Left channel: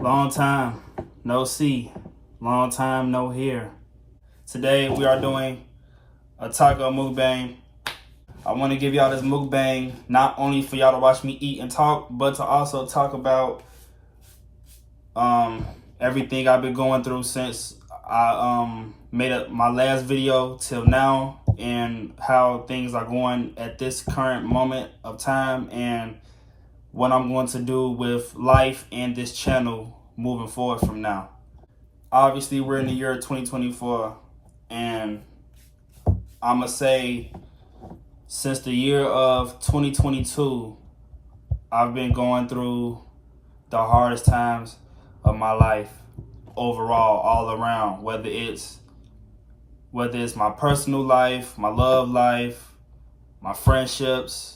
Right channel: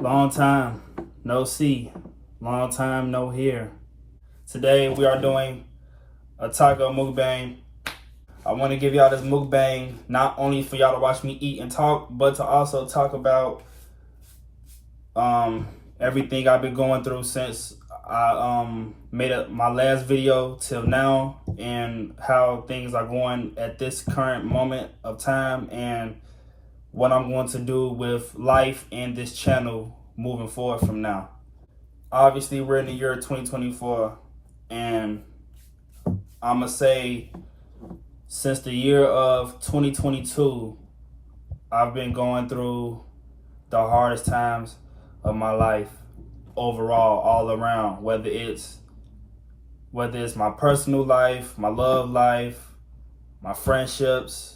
Long time no see, long time no hear. Today we are doing a taco mukbang. I want to give y'all this mukbang not only for y'all to watch me eat and talk, but to also talk about everything I've been going through since I made my last video till now, and how things are going at this current moment of time, and what I'm going to do with life and this channel moving forward from now. Obviously, we're in the year 2024, and I'm going to say since the year of 2022, I've been going through the hardest times of my life overall, all around, whether it's my personal life, my love life, my friendships,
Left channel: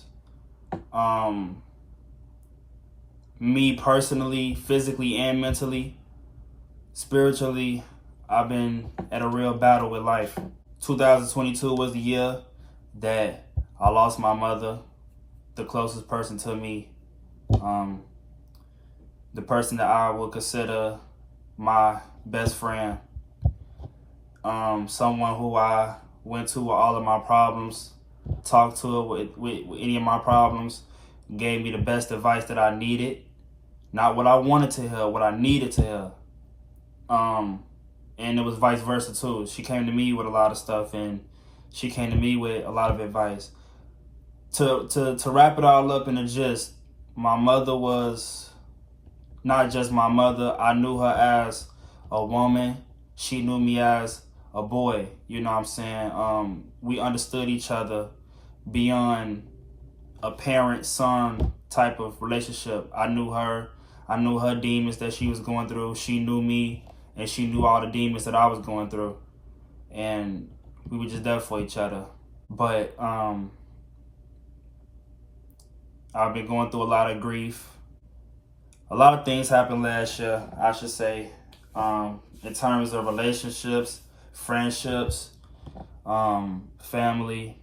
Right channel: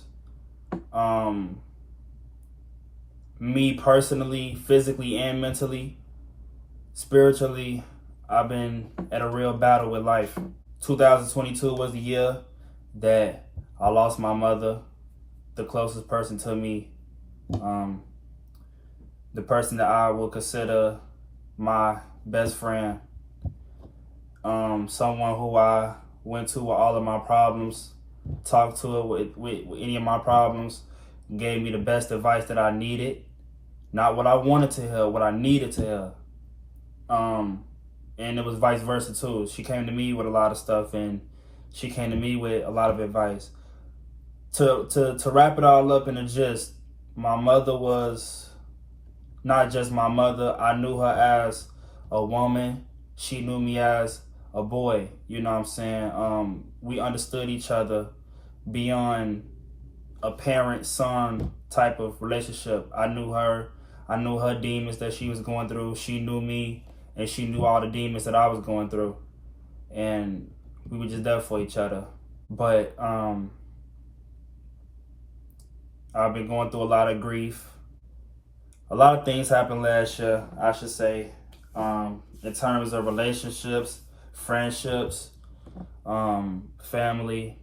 me personally, physically and mentally, spiritually. I've been at a real battle with life. 2022 was the year that I lost my mother, the closest person to me, the person that I would consider my best friend, someone who I went to with all of my problems, talked to her with any of my problems, gave me the best advice that I needed. Not what I wanted to hear, what I needed to hear. And it was vice versa too. She came to me with a lot of stuff, and she came to me with a lot of advice. To wrap it all up in a gist, my mother was not just my mother. I knew her as a woman. She knew me as a boy. You know what I'm saying? We understood each other beyond a parent-son type of relationship. I knew her demons that she was going through. She knew me, and she knew all the demons that I was going through. And we were just there for each other. But I've been going through a lot of grief. A lot of things happened last year, I should say, in terms of relationships, friendships, family,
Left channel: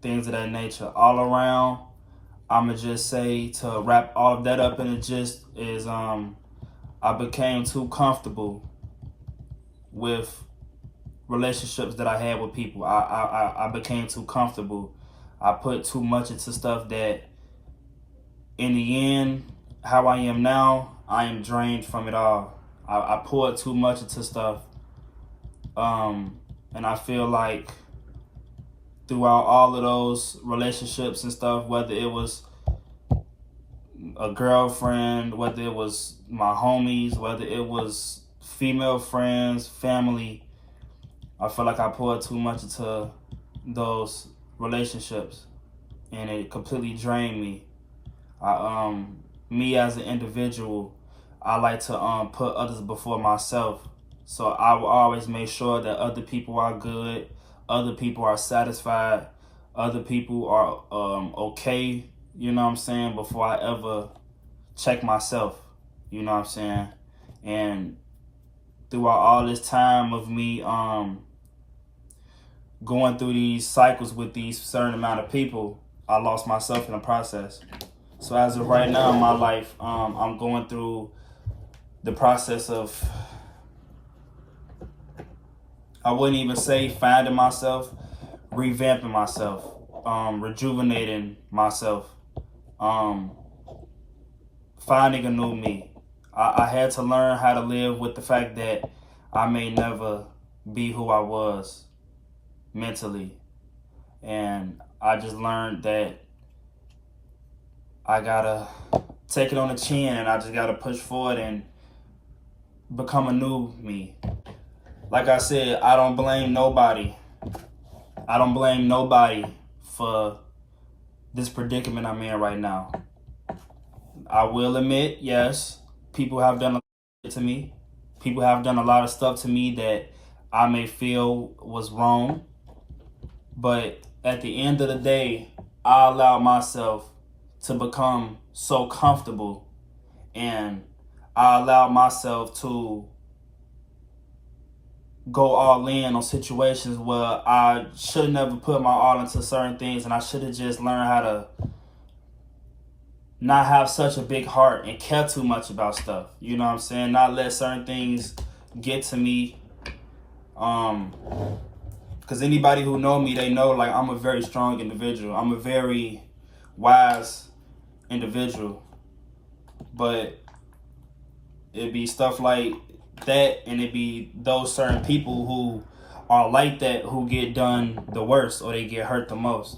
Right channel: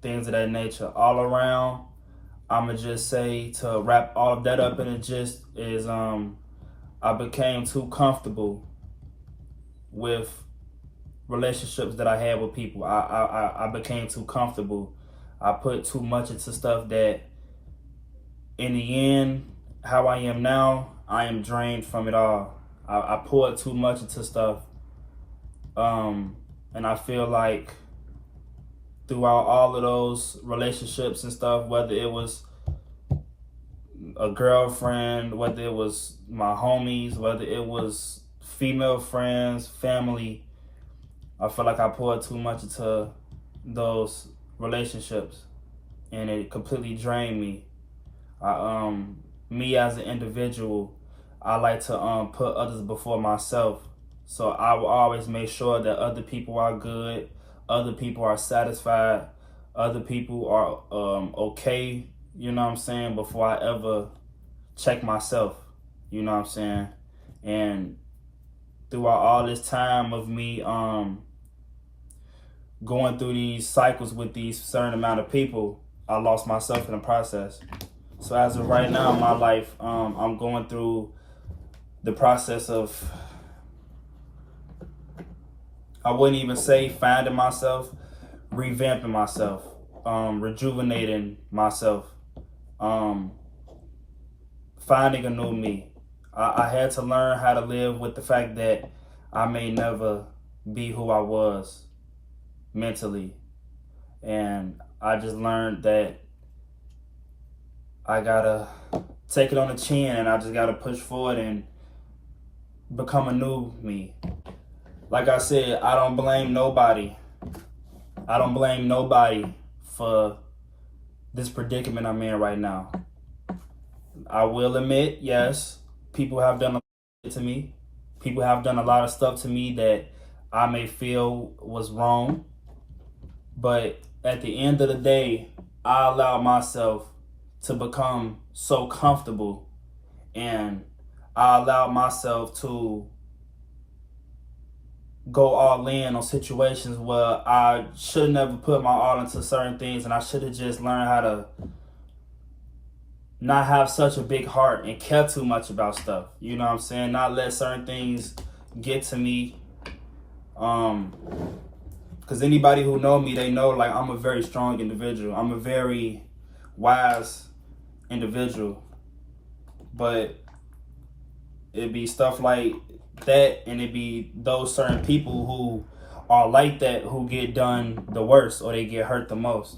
things of that nature. All around, I'ma just say, to wrap all of that up in a gist, is I became too comfortable with relationships that I had with people. I became too comfortable. I put too much into stuff that, in the end, how I am now, I am drained from it all. I poured too much into stuff, and I feel like throughout all of those relationships and stuff, whether it was a girlfriend, whether it was my homies, whether it was female friends, family, I feel like I poured too much into those relationships, and it completely drained me. Me as an individual, I like to put others before myself. So I will always make sure that other people are good, other people are satisfied, other people are okay, you know what I'm saying, before I ever check myself, you know what I'm saying. And throughout all this time of me going through these cycles with these certain amount of people, I lost myself in the process. So as of right now in my life, I'm going through the process of, I wouldn't even say finding myself, revamping myself, rejuvenating myself, finding a new me. I had to learn how to live with the fact that I may never be who I was mentally. And I just learned that I gotta take it on the chin, and I just gotta push forward and become a new me. Like I said, I don't blame nobody. I don't blame nobody for this predicament I'm in right now. I will admit, yes, people have done a lot to me. People have done a lot of stuff to me that I may feel was wrong. But at the end of the day, I allowed myself to become so comfortable, and I allowed myself to go all in on situations where I should never put my all into certain things, and I should have just learned how to not have such a big heart and care too much about stuff. You know what I'm saying? Not let certain things get to me. Because anybody who know me, they know like I'm a very strong individual. I'm a very wise individual. But it'd be stuff like that, and it'd be those certain people who are like that who get done the worst, or they get hurt the most.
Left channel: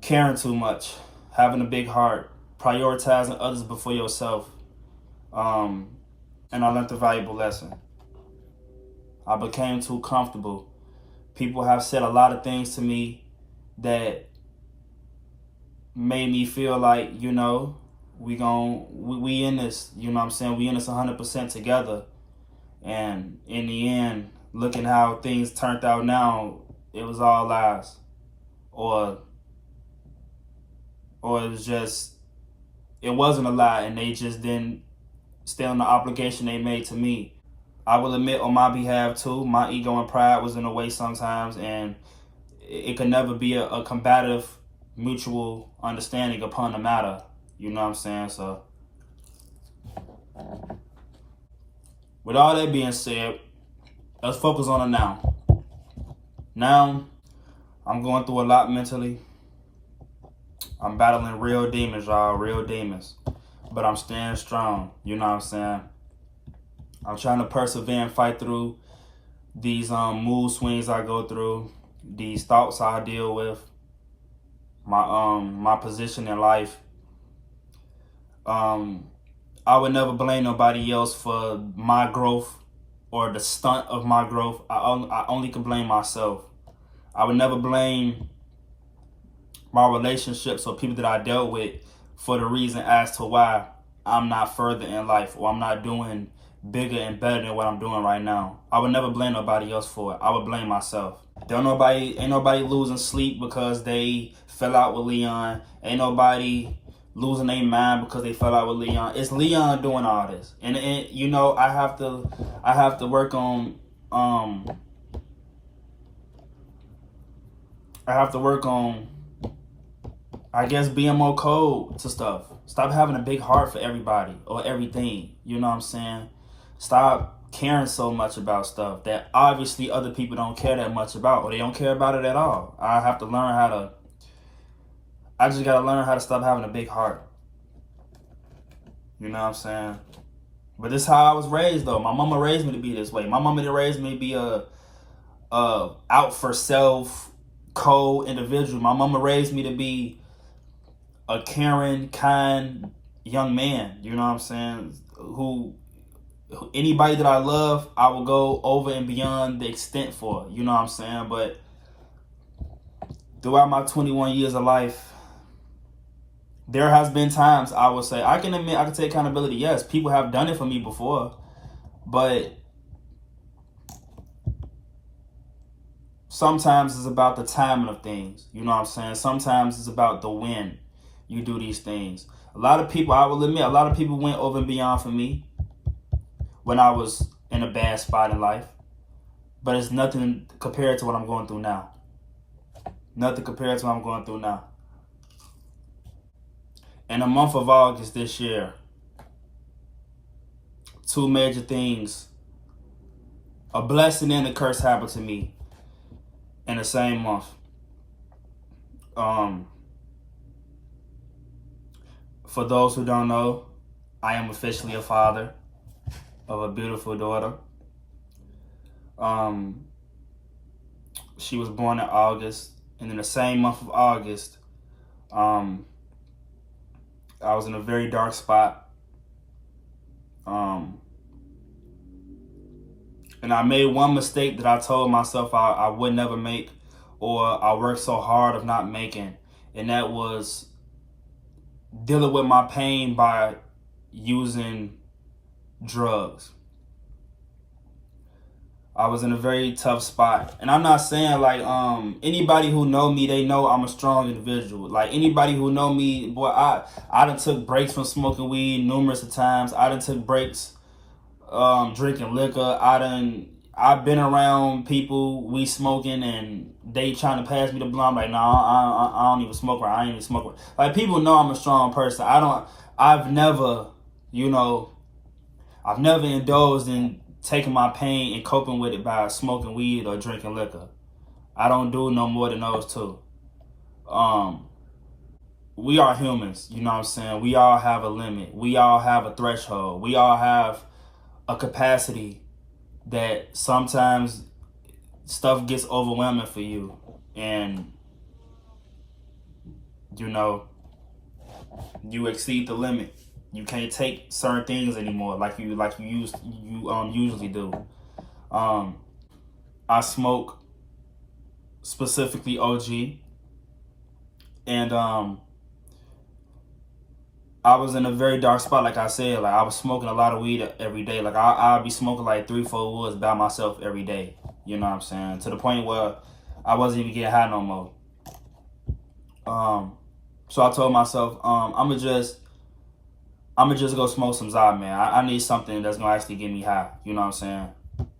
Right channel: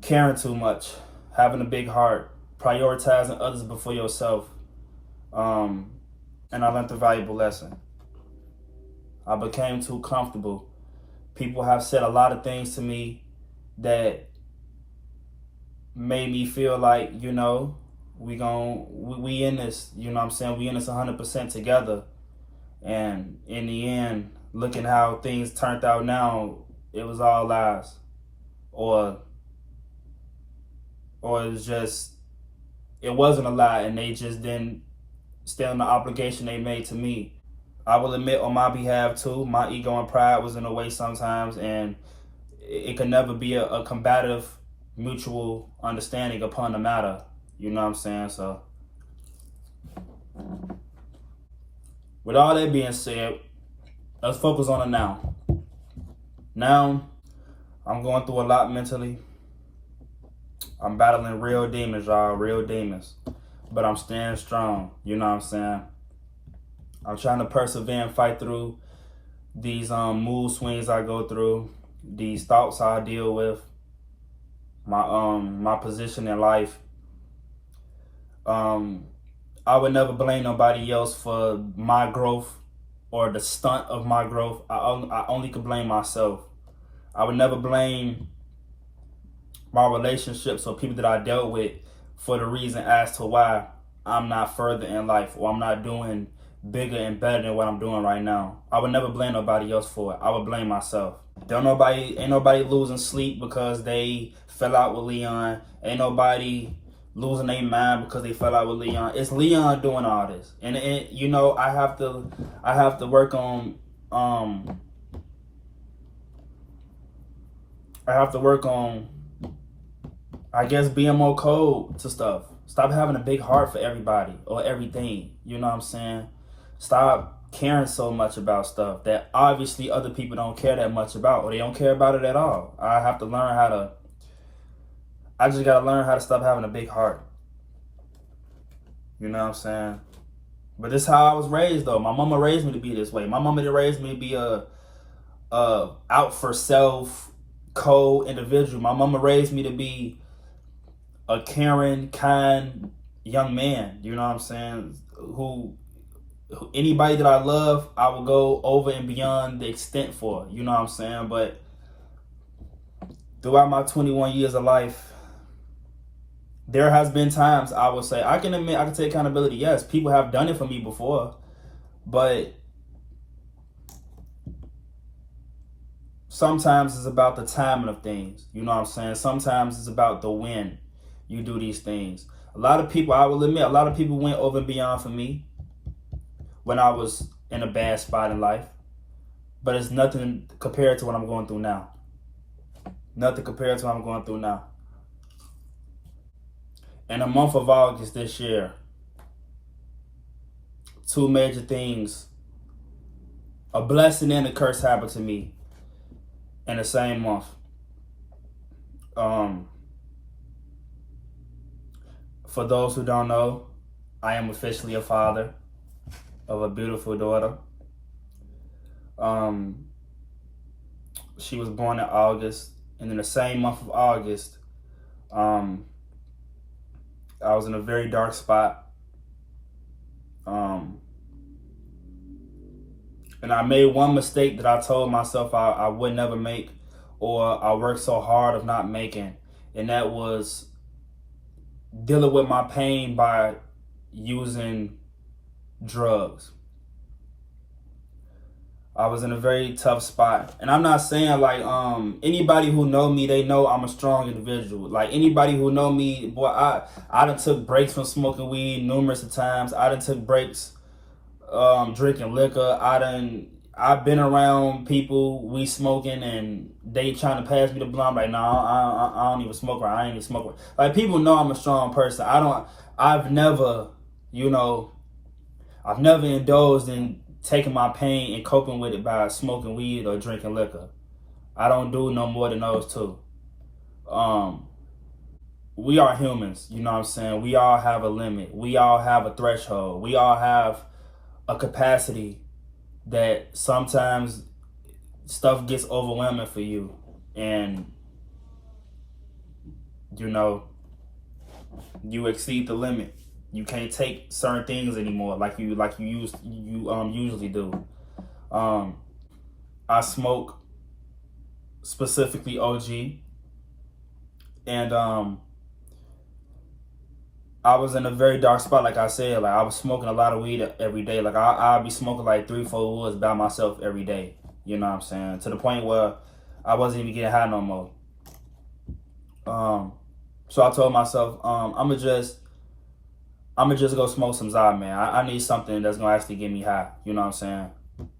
Caring too much, having a big heart, prioritizing others before yourself. And I learned a valuable lesson. I became too comfortable. People have said a lot of things to me that made me feel like, you know, we in this, you know what I'm saying? We in this 100% together. And in the end, looking how things turned out now, it was all lies. Or it was just, it wasn't a lie, and they just didn't stay on the obligation they made to me. I will admit on my behalf too, my ego and pride was in the way sometimes, and it could never be a combative mutual understanding upon the matter. You know what I'm saying? So with all that being said, let's focus on the now. Now, I'm going through a lot mentally. I'm battling real demons, y'all, real demons. But I'm staying strong, you know what I'm saying? I'm trying to persevere and fight through these mood swings I go through, these thoughts I deal with, my position in life. I would never blame nobody else for my growth or the stunt of my growth. I only could blame myself. I would never blame my relationships or people that I dealt with for the reason as to why I'm not further in life, or I'm not doing bigger and better than what I'm doing right now. I would never blame nobody else for it. I would blame myself. Ain't nobody losing sleep because they fell out with Leon. Ain't nobody losing their mind because they fell out with Leon. It's Leon doing all this, and you know, I have to work on I guess being more cold to stuff. Stop having a big heart for everybody or everything. You know what I'm saying? Stop caring so much about stuff that obviously other people don't care that much about, or they don't care about it at all. I just gotta learn how to stop having a big heart. You know what I'm saying? But this is how I was raised though. My mama raised me to be this way. My mama didn't raise me to be a out for self, cold individual. My mama raised me to be a caring, kind young man. You know what I'm saying? Who anybody that I love, I will go over and beyond the extent for. You know what I'm saying? But throughout my 21 years of life, there has been times I will say, I can admit, I can take accountability. Yes, people have done it for me before, but sometimes it's about the timing of things. You know what I'm saying? Sometimes it's about the when you do these things. A lot of people, I will admit, a lot of people went over and beyond for me when I was in a bad spot in life, but it's nothing compared to what I'm going through now. Nothing compared to what I'm going through now. In the month of August this year, two major things, a blessing and a curse happened to me in the same month. For those who don't know, I am officially a father of a beautiful daughter. She was born in August, and in the same month of August, I was in a very dark spot. And I made one mistake that I told myself I would never make, or I worked so hard of not making, and that was dealing with my pain by using drugs. I was in a very tough spot, and I'm not saying like anybody who know me, they know I'm a strong individual. Like anybody who know me, boy, I done took breaks from smoking weed numerous of times. I done took breaks drinking liquor. I done I've been around people, we smoking, and they trying to pass me the blunt. I'm like, no, I don't even smoke right. I ain't even smoke right. Like, people know I'm a strong person. I've never, you know, I've never indulged in taking my pain and coping with it by smoking weed or drinking liquor. I don't do no more than those two. Um, we are humans, you know what I'm saying? We all have a limit. We all have a threshold. We all have a capacity that sometimes stuff gets overwhelming for you, and you know, you exceed the limit. You can't take certain things anymore you usually do. um I smoke specifically OG, and I was in a very dark spot. Like I said, like I was smoking a lot of weed every day. Like I'll be smoking like 3-4 woods by myself every day, you know what I'm saying, to the point where I wasn't even getting high no more. So I told myself, I'ma just go smoke some Zod, man. I need something that's gonna actually get me high. You know what I'm saying?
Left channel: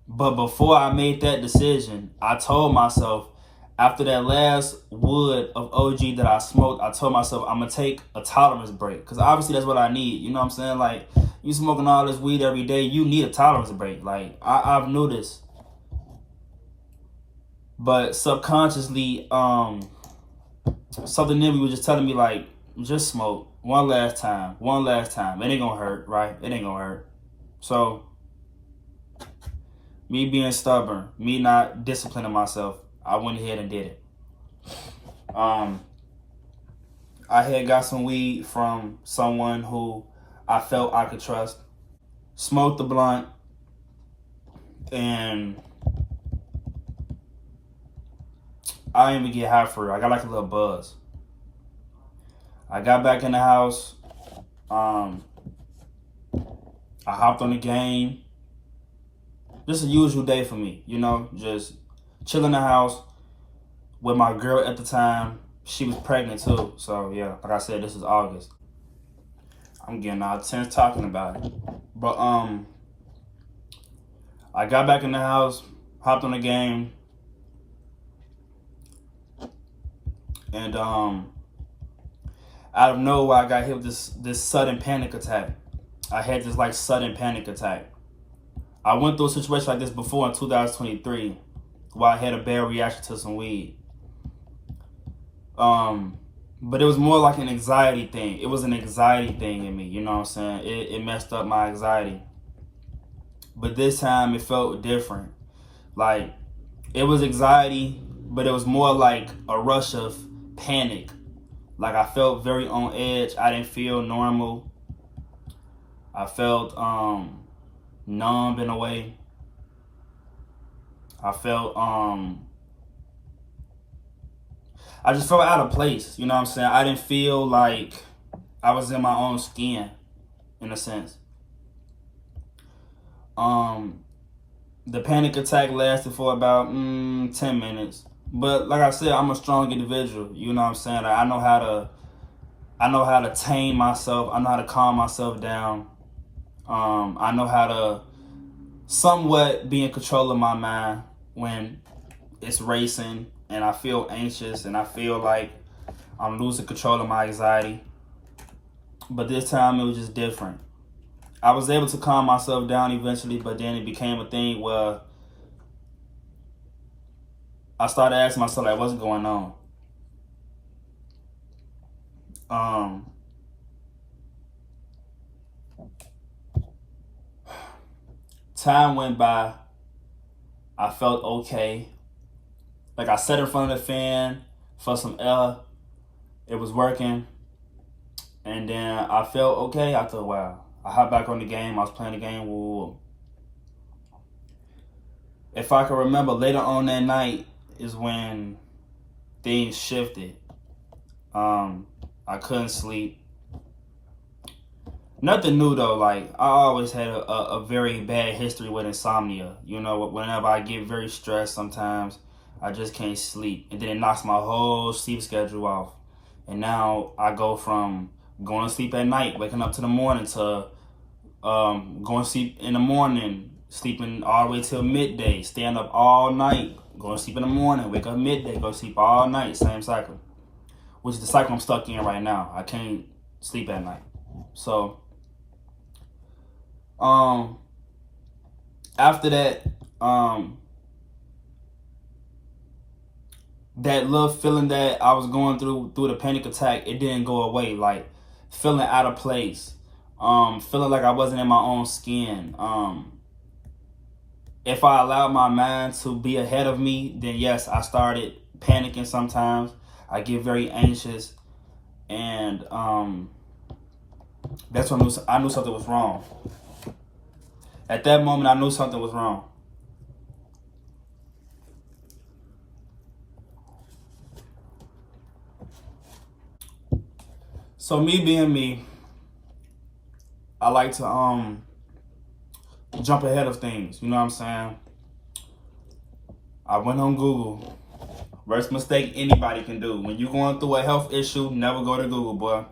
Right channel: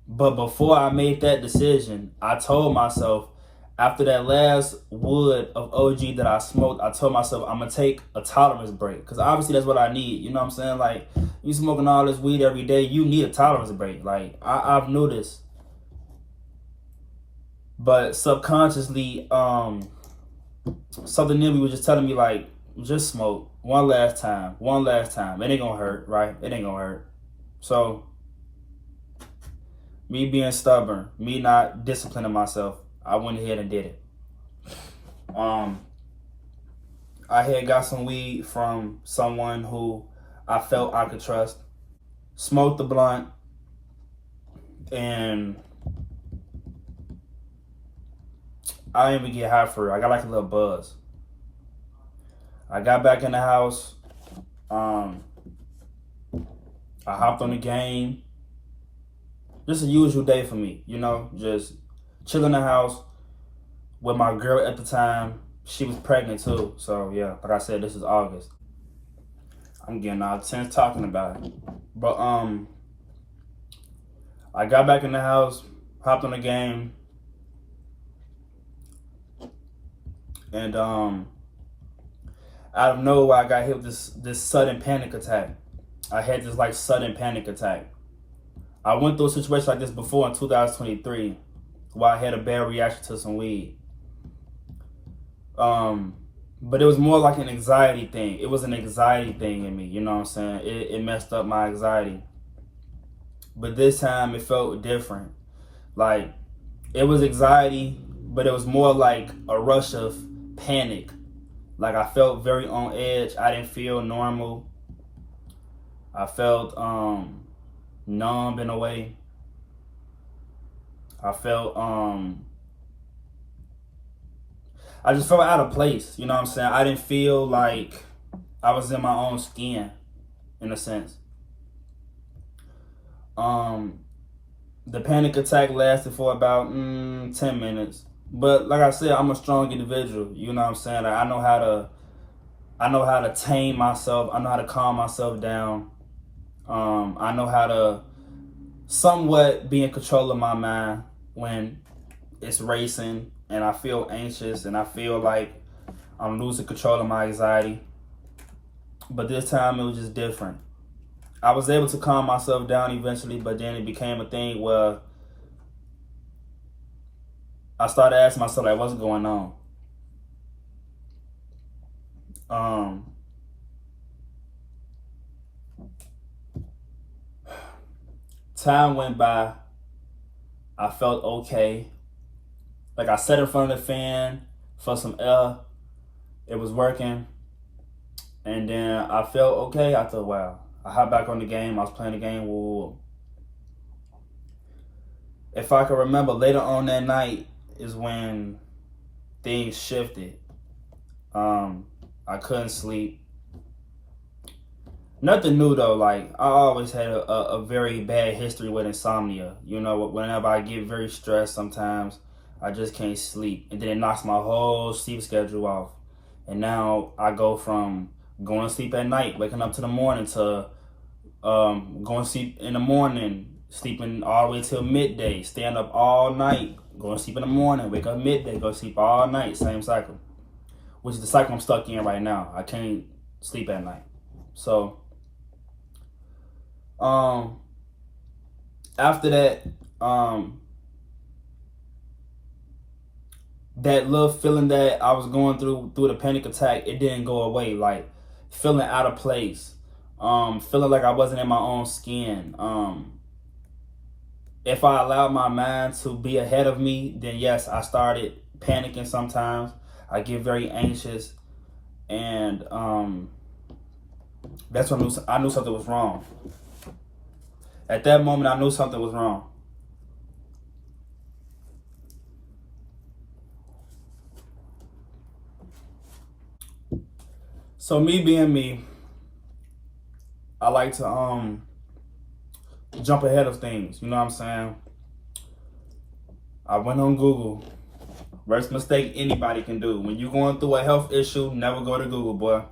But before I made that decision, I told myself, after that last wood of OG that I smoked, I told myself I'm gonna take a tolerance break. Cause obviously that's what I need. You know what I'm saying? Like, you smoking all this weed every day, you need a tolerance break. Like, I've noticed. But subconsciously, something in me was just telling me, like, just smoke one last time. It ain't gonna hurt, right? It ain't gonna hurt. So me being stubborn, me not disciplining myself, I went ahead and did it. I had got some weed from someone who I felt I could trust. Smoked the blunt, and I didn't even get high for it. I got like a little buzz. I got back in the house. I hopped on the game. Just a usual day for me, you know, just chill in the house with my girl at the time. She was pregnant too. So yeah, like I said, this is August. I'm getting all tense talking about it. But I got back in the house, hopped on the game, and out of nowhere I got hit with this sudden panic attack. I had this like sudden panic attack. I went through a situation like this before in 2023, where I had a bad reaction to some weed. But it was more like an anxiety thing. It was an anxiety thing in me, you know what I'm saying? It messed up my anxiety. But this time it felt different. Like, it was anxiety, but it was more like a rush of panic. Like, I felt very on edge. I didn't feel normal. I felt numb in a way. I felt I just felt out of place, you know what I'm saying? I didn't feel like I was in my own skin, in a sense. The panic attack lasted for about 10 minutes. But like I said, I'm a strong individual, you know what I'm saying? Like, I know how to tame myself. I know how to calm myself down. I know how to somewhat be in control of my mind when it's racing and I feel anxious and I feel like I'm losing control of my anxiety. But this time it was just different. I was able to calm myself down eventually, but then it became a thing where I started asking myself, like, what's going on? Time went by. I felt okay. Like, I sat in front of the fan for some air. It was working. And then I felt okay. I thought, wow. I hopped back on the game. I was playing the game. Whoa. If I can remember, later on that night is when things shifted. I couldn't sleep. Nothing new though. Like, I always had a very bad history with insomnia. You know, whenever I get very stressed, sometimes I just can't sleep, and then it knocks my whole sleep schedule off. And now I go from going to sleep at night, waking up to the morning, to going to sleep in the morning sleeping all the way till midday, staying up all night, going to sleep in the morning, wake up midday, go to sleep all night, same cycle, which is the cycle I'm stuck in right now. I can't sleep at night. So, after that, that little feeling that I was going through the panic attack, it didn't go away. Like feeling out of place, feeling like I wasn't in my own skin. If I allowed my mind to be ahead of me, then yes, I started panicking sometimes. I get very anxious, and that's when I knew something was wrong. At that moment, I knew something was wrong. So me being me, I like to jump ahead of things. You know what I'm saying? I went on Google. Worst mistake anybody can do. When you're going through a health issue, never go to Google, boy.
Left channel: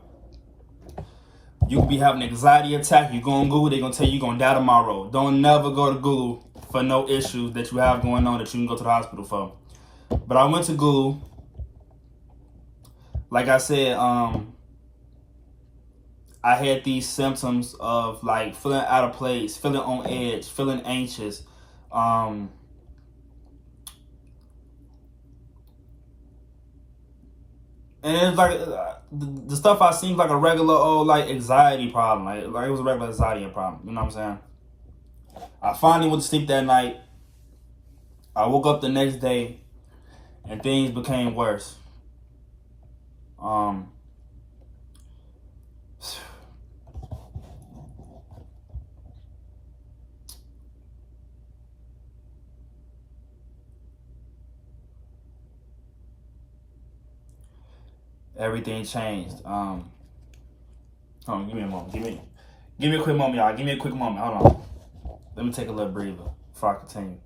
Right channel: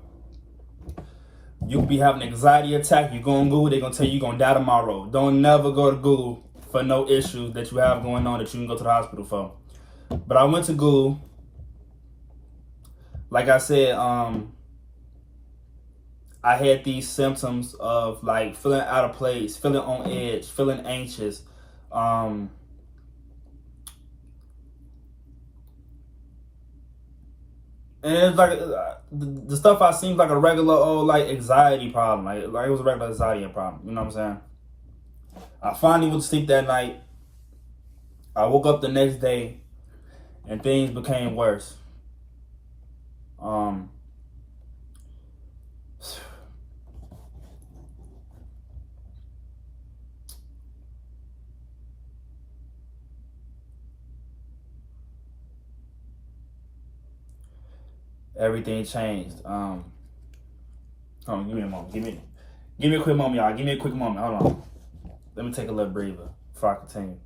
You could be having an anxiety attack. You go on Google, they're going to tell you you're going to die tomorrow. Don't never go to Google for no issues that you have going on that you can go to the hospital for. But I went to Google. Like I said, I had these symptoms of like feeling out of place, feeling on edge, feeling anxious. And it's like the stuff I seemed like a regular old like anxiety problem. Like it was a regular anxiety problem. You know what I'm saying? I finally went to sleep that night. I woke up the next day and things became worse. Everything changed. Hold on, give me a moment. Give me a quick moment, y'all. Give me a quick moment. Hold on. Let me take a little breather before I continue.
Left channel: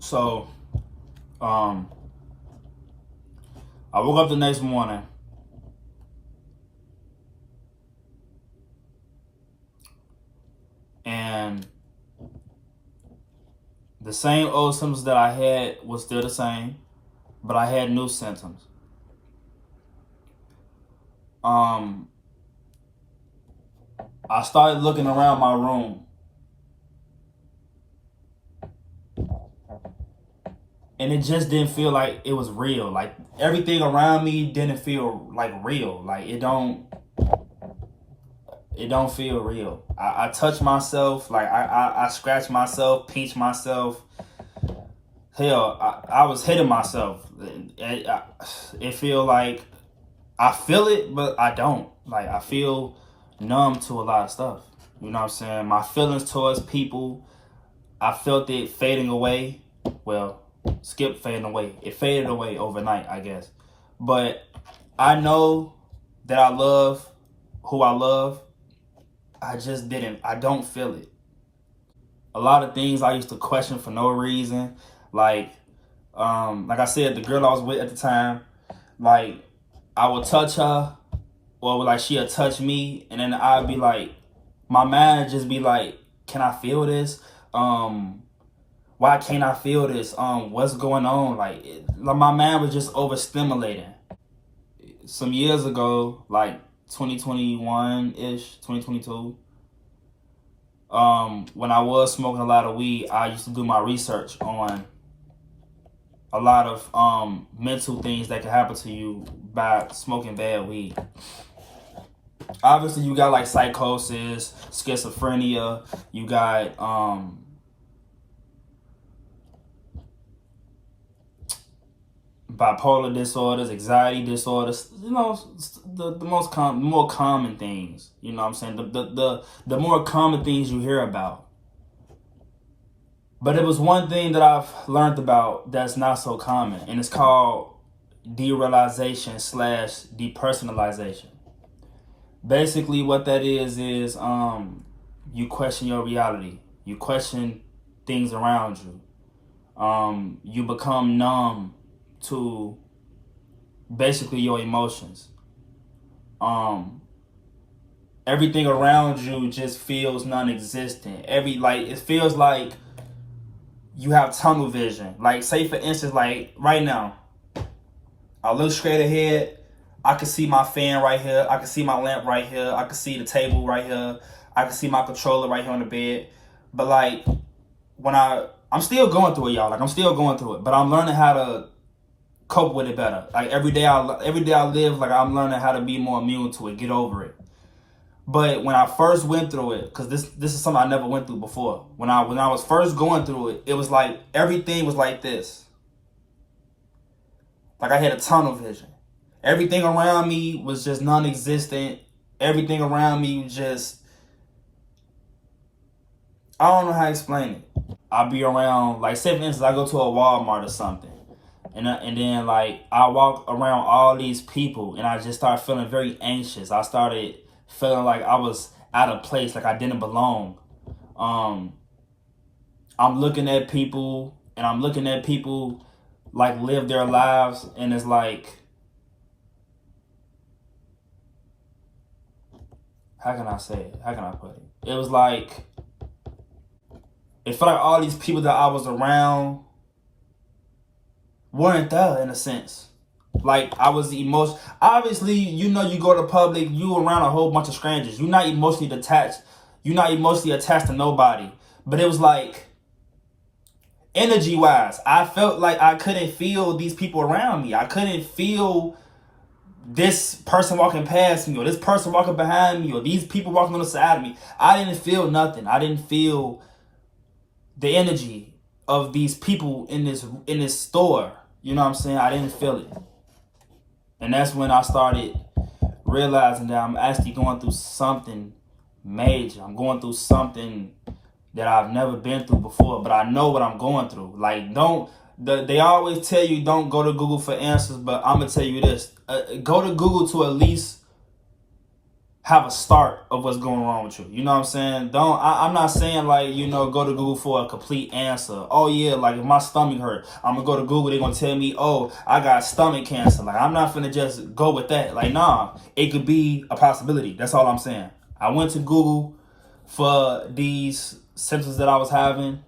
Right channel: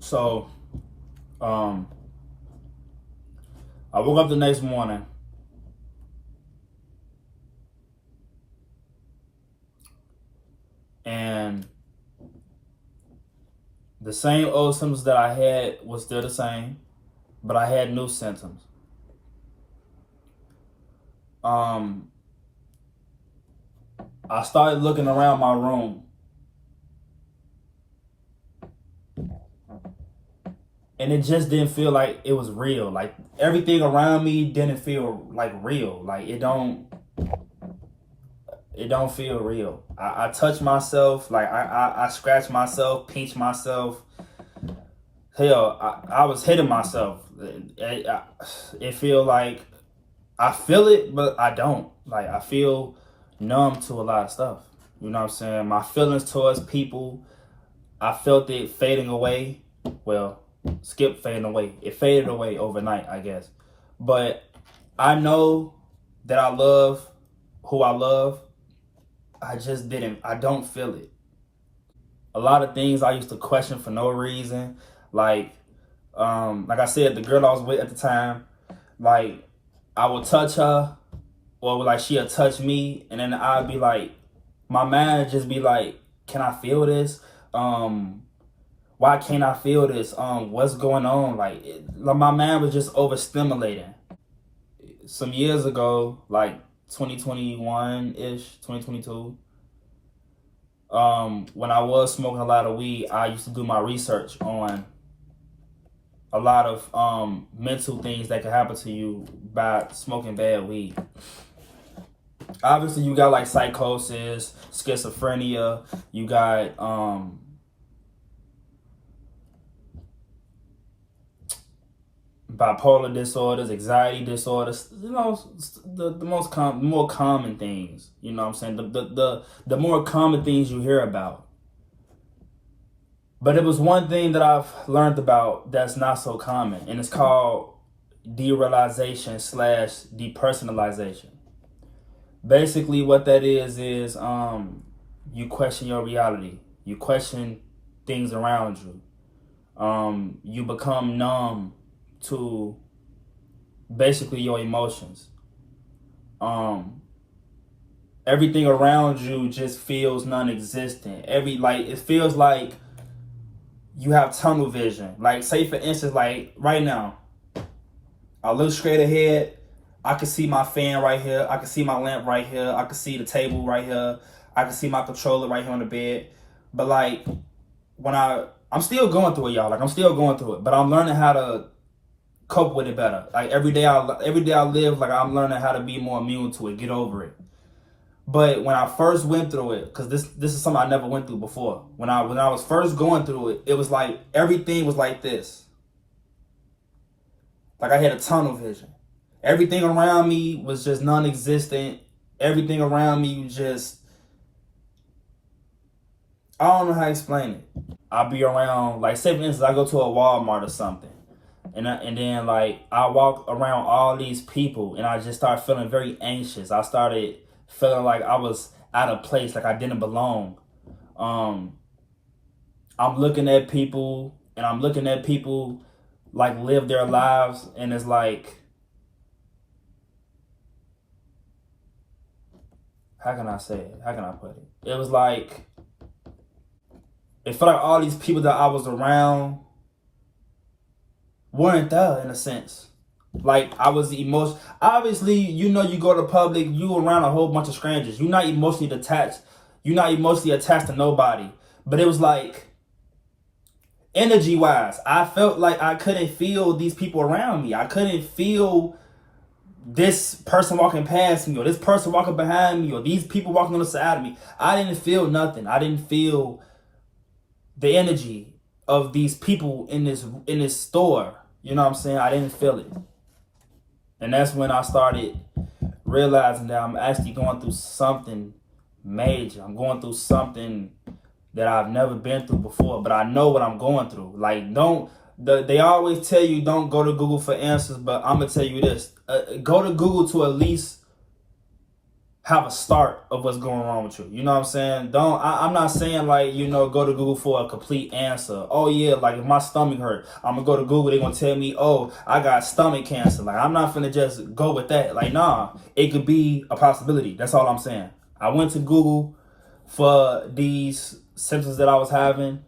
So, I woke up the next morning. And the same old symptoms that I had was still the same, but I had new symptoms. I started looking around my room, and it just didn't feel like it was real. Like everything around me didn't feel like real. Like it don't feel real. I touch myself, like I scratch myself, pinch myself. Hell, I was hitting myself. It feel like I feel it, but I don't. Like I feel numb to a lot of stuff. You know what I'm saying? My feelings towards people, I felt it fading away. Well, skip fading away. It faded away overnight, I guess. But I know that I love who I love. I don't feel it. A lot of things I used to question for no reason. Like I said, the girl I was with at the time, like I would touch her, or like she'll touch me, and then I'd be like, my mind would just be like, can I feel this? Why can't I feel this? What's going on? Like my mind was just overstimulating. Some years ago, like 2021-ish, 2022, when I was smoking a lot of weed, I used to do my research on a lot of mental things that can happen to you by smoking bad weed. Obviously, you got like psychosis, schizophrenia, you got bipolar disorders, anxiety disorders, you know, the more common things, you know what I'm saying? The more common things you hear about. But it was one thing that I've learned about that's not so common, and it's called derealization / depersonalization. Basically what that is you question your reality. You question things around you. You become numb to basically your emotions. Everything around you just feels non-existent. It feels like you have tunnel vision. Like, say for instance, like right now, I look straight ahead. I can see my fan right here. I can see my lamp right here. I can see the table right here. I can see my controller right here on the bed. But like when I'm still going through it, y'all. Like I'm still going through it, but I'm learning how to cope with it better. Like every day I live, like I'm learning how to be more immune to it, get over it. But when I first went through it, because this is something I never went through before. When I was first going through it, it was like everything was like this. Like I had a tunnel vision. Everything around me was just non-existent. Everything around me was just, I don't know how to explain it. I'll be around, like say for instance, I go to a Walmart or something. And then like I walk around all these people and I just started feeling very anxious. I started feeling like I was out of place, like I didn't belong. I'm looking at people and I'm looking at people like live their lives, and it's like, how can I say it? How can I put it? It was like, it felt like all these people that I was around weren't there in a sense. Like I was emotional. Obviously, you know, you go to public, you around a whole bunch of strangers. You're not emotionally detached. You're not emotionally attached to nobody. But it was like, energy wise, I felt like I couldn't feel these people around me. I couldn't feel this person walking past me or this person walking behind me or these people walking on the side of me. I didn't feel nothing. I didn't feel the energy of these people in this store. You know what I'm saying? I didn't feel it. And that's when I started realizing that I'm actually going through something major. I'm going through something that I've never been through before, but I know what I'm going through. Like, they always tell you don't go to Google for answers, but I'm gonna tell you this: go to Google to at least have a start of what's going on with you. You know what I'm saying? I'm not saying like, you know, go to Google for a complete answer. Oh yeah, like if my stomach hurt, I'm gonna go to Google, they're gonna tell me, oh, I got stomach cancer. Like I'm not gonna just go with that. Like, nah, it could be a possibility. That's all I'm saying. I went to Google for these symptoms that I was having,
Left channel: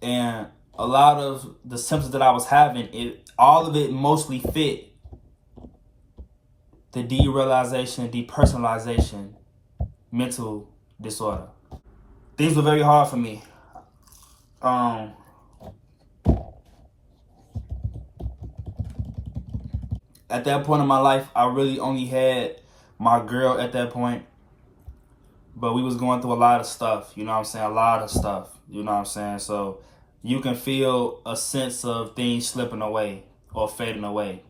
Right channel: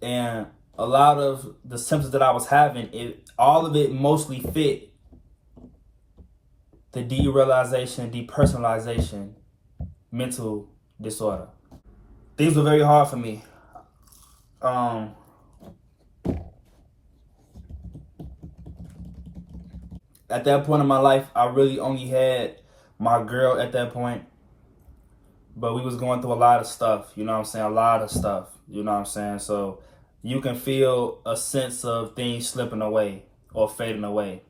and a lot of the symptoms that I was having, all of it mostly fit the derealization, depersonalization mental disorder. Things were very hard for me. At that point in my life, I really only had my girl at that point, but we was going through a lot of stuff, you know what I'm saying? A lot of stuff, you know what I'm saying? So you can feel a sense of things slipping away or fading away.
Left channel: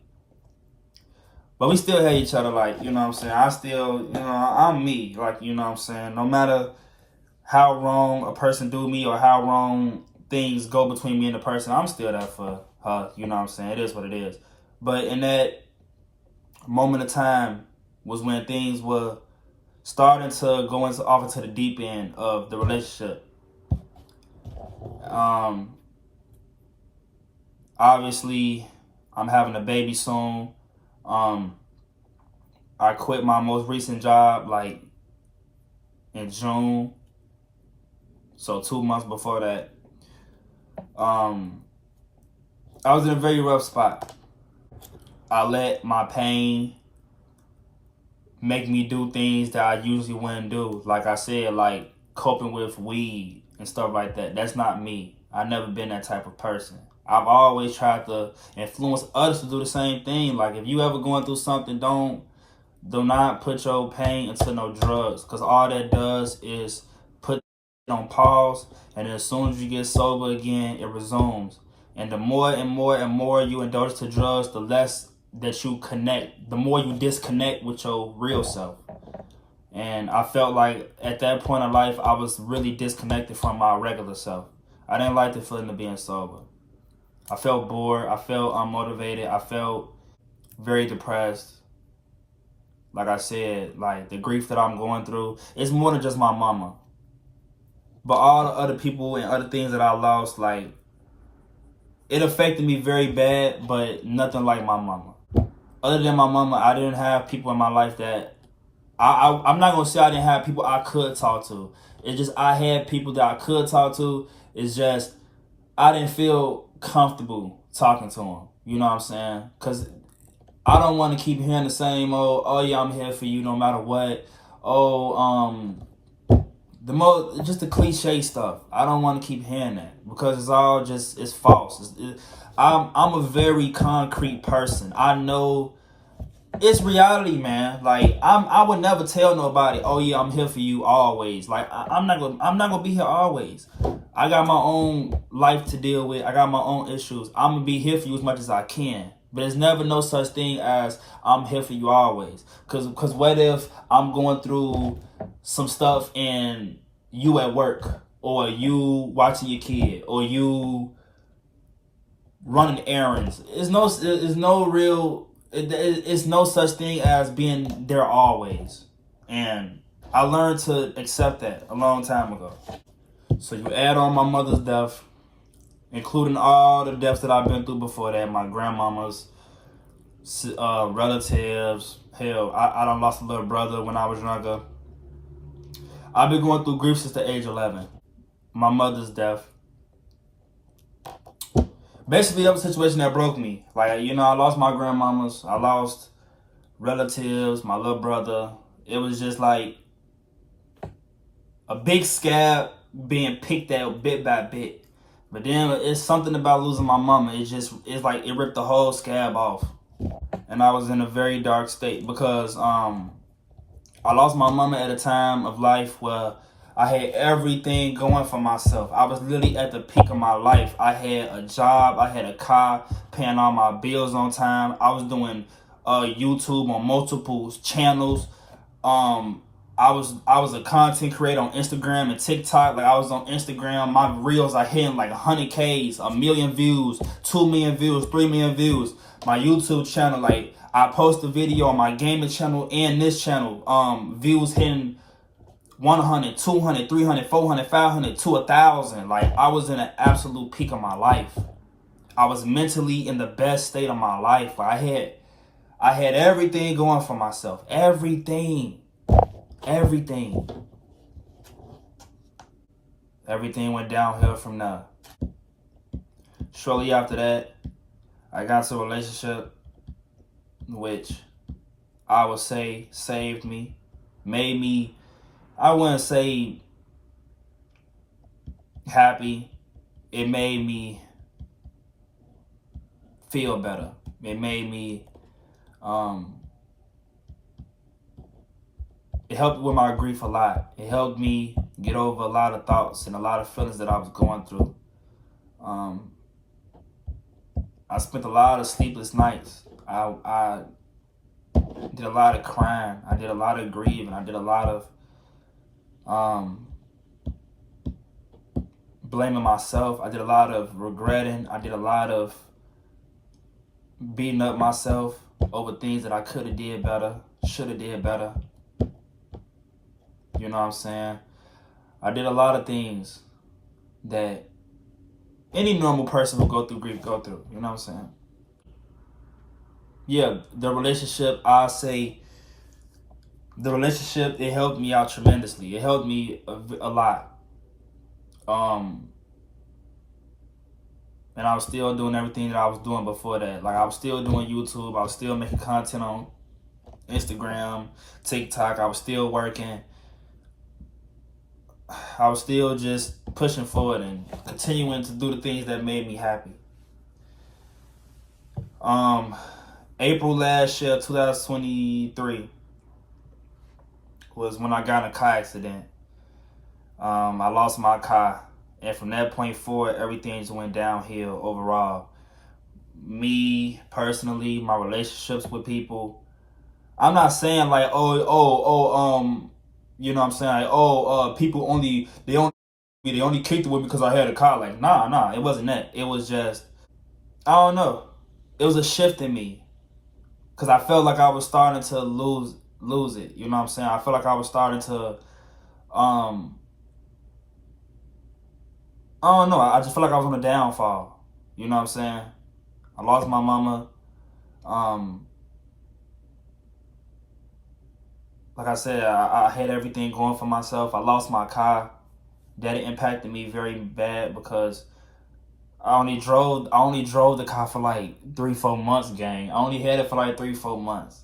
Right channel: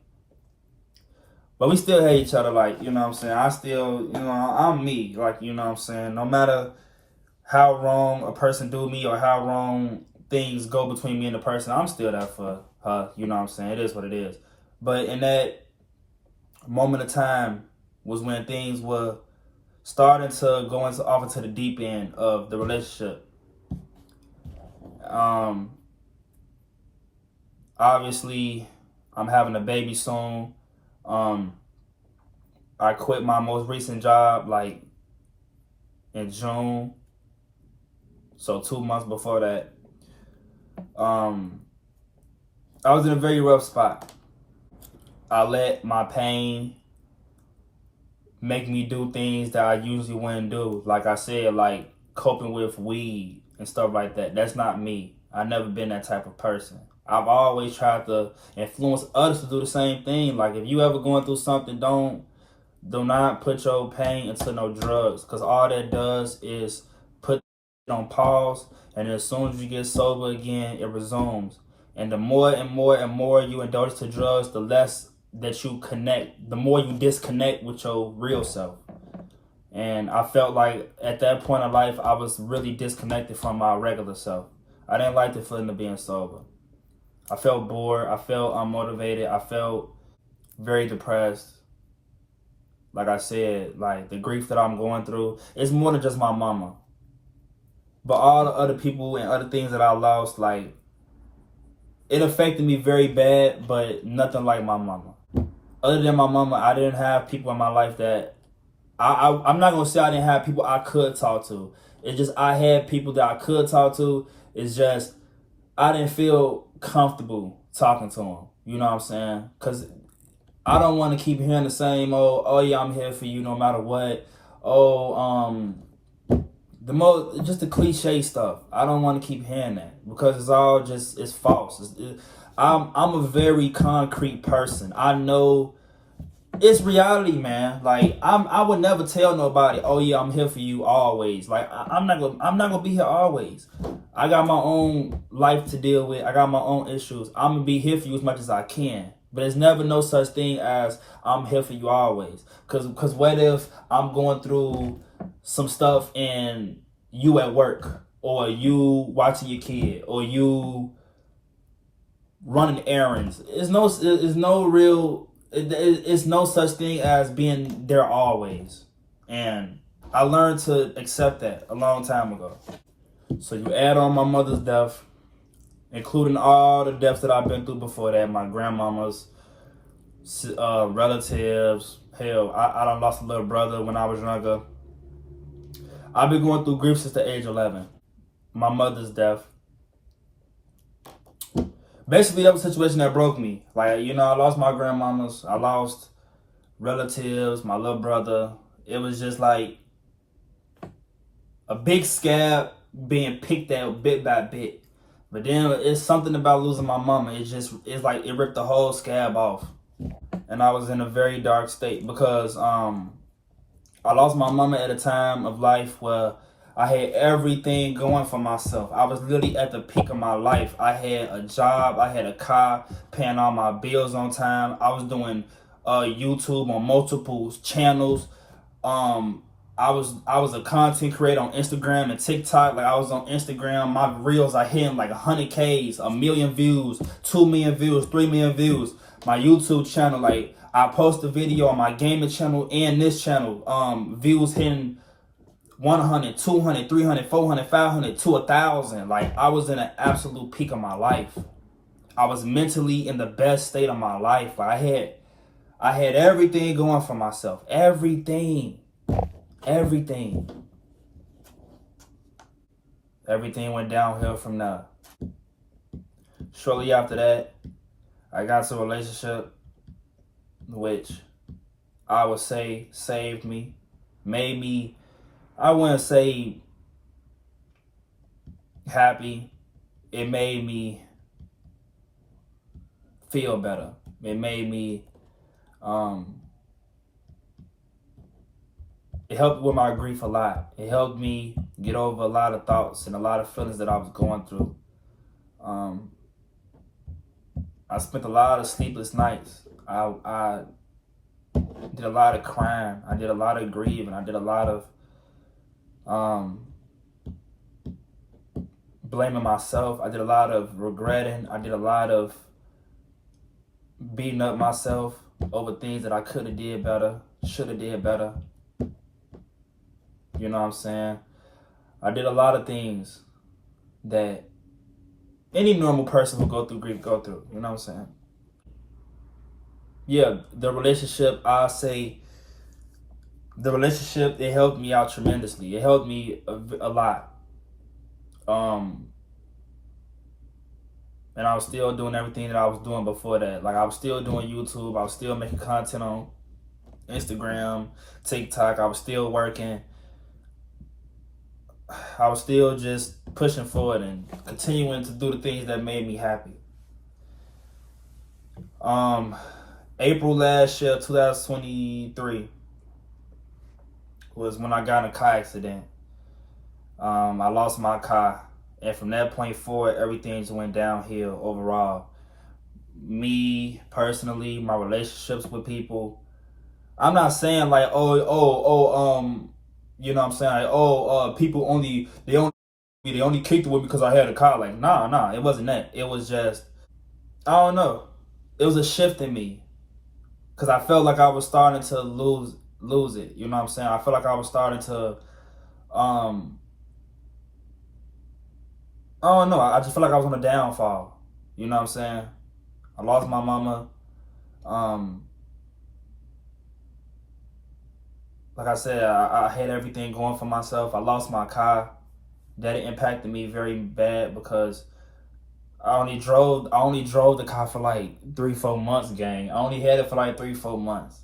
But we still hate each other, like, you know what I'm saying? I still, you know, I'm me, like, you know what I'm saying? No matter how wrong a person do me or how wrong things go between me and the person, I'm still there for her, you know what I'm saying? It is what it is. But in that moment of time was when things were starting to go off into the deep end of the relationship. Obviously, I'm having a baby soon. I quit my most recent job like in June, so 2 months before that. I was in a very rough spot. I let my pain make me do things that I usually wouldn't do. Like I said, like coping with weed and stuff like that. That's not me. I've never been that type of person. I've always tried to influence others to do the same thing. Like if you ever going through something, do not put your pain into no drugs, because all that does is put it on pause, and as soon as you get sober again, it resumes. And the more and more and more you indulge to drugs, the less that you connect, the more you disconnect with your real self. And I felt like at that point in life, I was really disconnected from my regular self. I didn't like the feeling of being sober. I felt bored. I felt unmotivated. I felt very depressed. Like I said, like the grief that I'm going through, it's more than just my mama. But all the other people and other things that I lost, like, it affected me very bad, but nothing like my mama. Other than my mama, I didn't have people in my life that, I'm not going to say I didn't have people I could talk to. It's just I had people that I could talk to. It's just I didn't feel comfortable talking to him. You know what I'm saying? Because I don't want to keep hearing the same, oh yeah, I'm here for you no matter what. Oh, just the cliche stuff. I don't want to keep hearing that because it's all just, it's false. I'm a very concrete person. I know it's reality, man. Like I would never tell nobody, oh yeah, I'm here for you always. Like I'm not gonna be here always. I got my own life to deal with. I got my own issues. I'm gonna be here for you as much as I can. But there's never no such thing as I'm here for you always. Cause what if I'm going through some stuff and you at work, or you watching your kid, or you running errands? It's no such thing as being there always. And I learned to accept that a long time ago. So you add on my mother's death, including all the deaths that I've been through before that, my grandmama's, relatives. Hell, I done lost a little brother when I was younger. I've been going through grief since the age 11. My mother's death. Basically, that was a situation that broke me. Like, I lost my grandmamas. I lost relatives, my little brother. It was just like a big scab being picked at bit by bit. But then it's something about losing my mama. It's like it ripped the whole scab off. And I was in a very dark state because I lost my mama at a time of life where I had everything going for myself. I was literally at the peak of my life. I had a job, I had a car, paying all my bills on time. I was doing YouTube on multiple channels. I was a content creator on Instagram and TikTok. Like I was on Instagram, my reels are hitting like 100Ks, 1,000,000 views, 2,000,000 views, 3,000,000 views. My YouTube channel, like I post a video on my gaming channel and this channel, views hitting 100, 200, 300, 400, 500 to 1,000. Like I was in an absolute peak of my life. I was mentally in the best state of my life. I had everything going for myself. Everything. Everything went downhill from there. Shortly after that, I got into a relationship which I would say saved me, made me, I wouldn't say happy. It made me feel better. It made me, it helped with my grief a lot. It helped me get over a lot of thoughts and a lot of feelings that I was going through. I spent a lot of sleepless nights. I did a lot of crying. I did a lot of grieving. I did a lot of blaming myself. I did a lot of regretting. I did a lot of beating up myself over things that I could have did better, should have did better. You know what I'm saying? I did a lot of things that any normal person who go through grief go through. You know what I'm saying? Yeah, the relationship, it helped me out tremendously. It helped me a lot. And I was still doing everything that I was doing before that. Like I was still doing YouTube. I was still making content on Instagram, TikTok. I was still working. I was still just pushing forward and continuing to do the things that made me happy. April last year, 2023, was when I got in a car accident. I lost my car, and from that point forward, everything just went downhill overall. Me personally, my relationships with people. I'm not saying like, you know what I'm saying? Like, people they only kicked it with me because I had a car. Like, nah, it wasn't that. It was just, I don't know. It was a shift in me. Because I felt like I was starting to lose it. You know what I'm saying? I felt like I was starting to, I don't know. I just felt like I was on a downfall. You know what I'm saying? I lost my mama. Like I said, I had everything going for myself. I lost my car. That impacted me very bad because I only drove the car for like 3-4 months, gang. I only had it for like 3-4 months.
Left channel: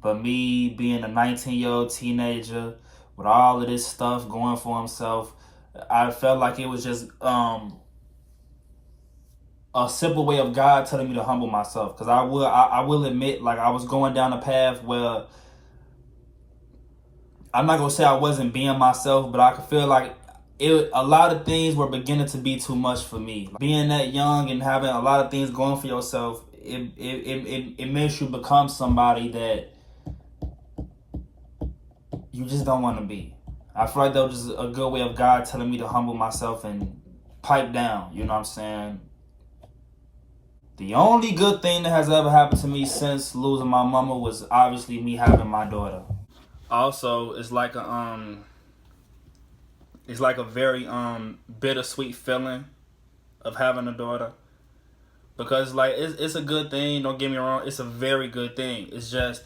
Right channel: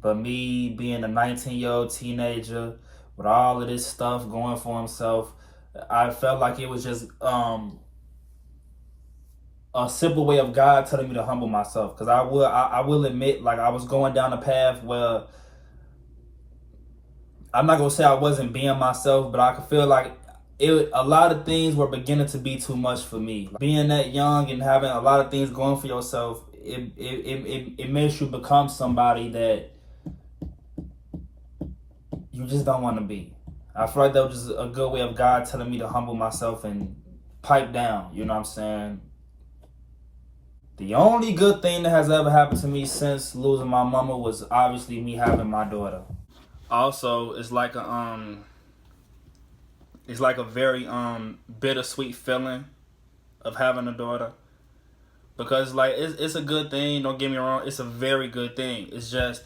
But me being a 19-year-old teenager with all of this stuff going for himself, I felt like it was just a simple way of God telling me to humble myself. Because I will admit, like, I was going down a path where I'm not gonna say I wasn't being myself, but I could feel like a lot of things were beginning to be too much for me. Being that young and having a lot of things going for yourself, it makes you become somebody that you just don't want to be. I feel like that was just a good way of God telling me to humble myself and pipe down. You know what I'm saying? The only good thing that has ever happened to me since losing my mama was obviously me having my daughter. Also, it's like a very bittersweet feeling of having a daughter, because like it's a good thing, don't get me wrong, it's a very good thing. It's just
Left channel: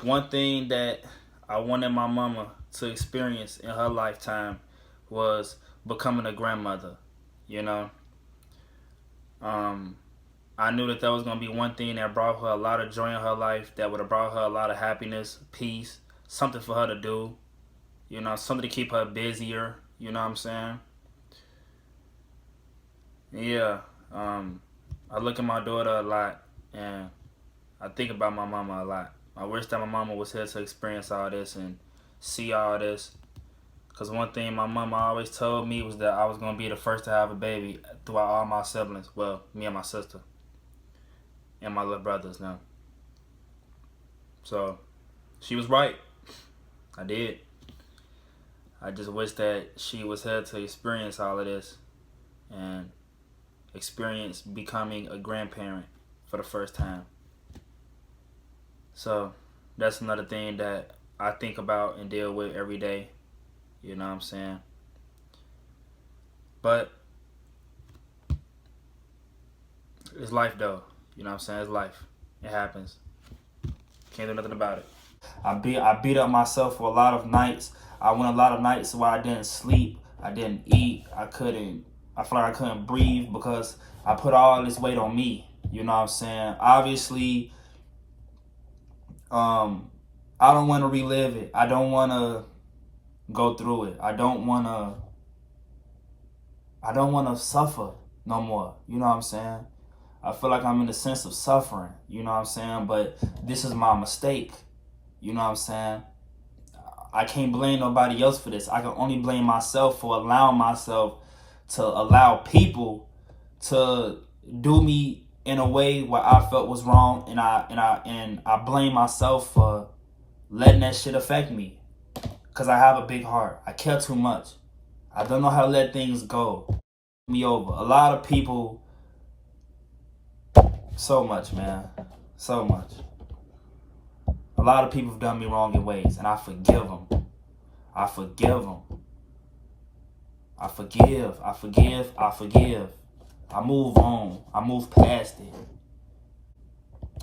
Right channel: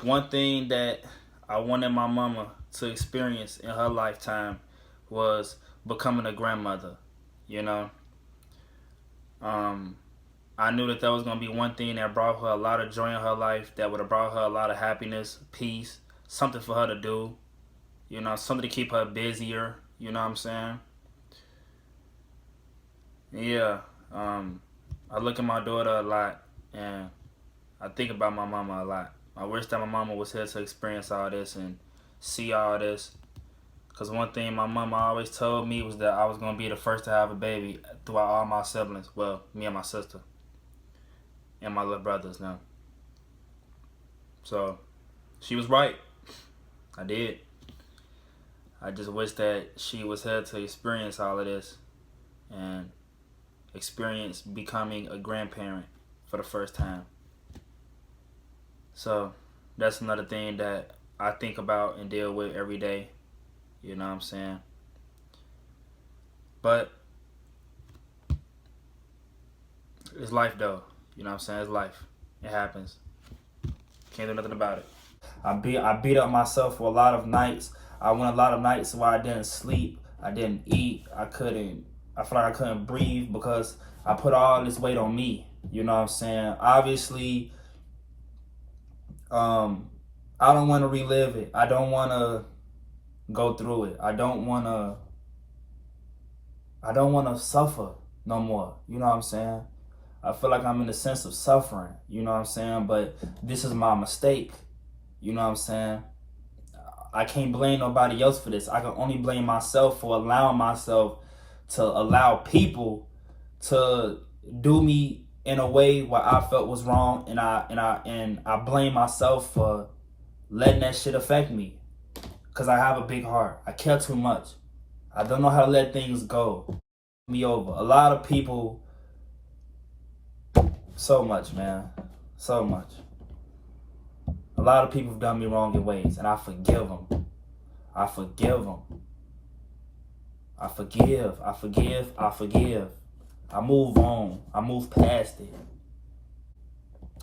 one thing that I wanted my mama to experience in her lifetime was becoming a grandmother, you know. I knew that was going to be one thing that brought her a lot of joy in her life, that would have brought her a lot of happiness, peace, something for her to do, you know, something to keep her busier, you know what I'm saying? Yeah, I look at my daughter a lot, and I think about my mama a lot. I wish that my mama was here to experience all this and see all this. Because one thing my mama always told me was that I was going to be the first to have a baby throughout all my siblings. Well, me and my sister. And my little brothers now. So, she was right. I did. I just wish that she was here to experience all of this. And experience becoming a grandparent for the first time. So, that's another thing that I think about and deal with every day. You know what I'm saying? But it's life though. You know what I'm saying? It's life. It happens. Can't do nothing about it. I beat up myself for a lot of nights. I went a lot of nights where I didn't sleep. I didn't eat. I feel like I couldn't breathe because I put all this weight on me. You know what I'm saying? Obviously, I don't want to relive it. I don't want to go through it. I don't want to suffer no more. You know what I'm saying? I feel like I'm in the sense of suffering. You know what I'm saying? But this is my mistake. You know what I'm saying? I can't blame nobody else for this. I can only blame myself for allowing myself to allow people to do me in a way where I felt was wrong, and I blame myself for letting that shit affect me. Cause I have a big heart. I care too much. I don't know how to let things go. Me over. A lot of people, so much, man. So much. A lot of people have done me wrong in ways, and I forgive them. I forgive them. I forgive. I forgive. I forgive. I move on. I move past it.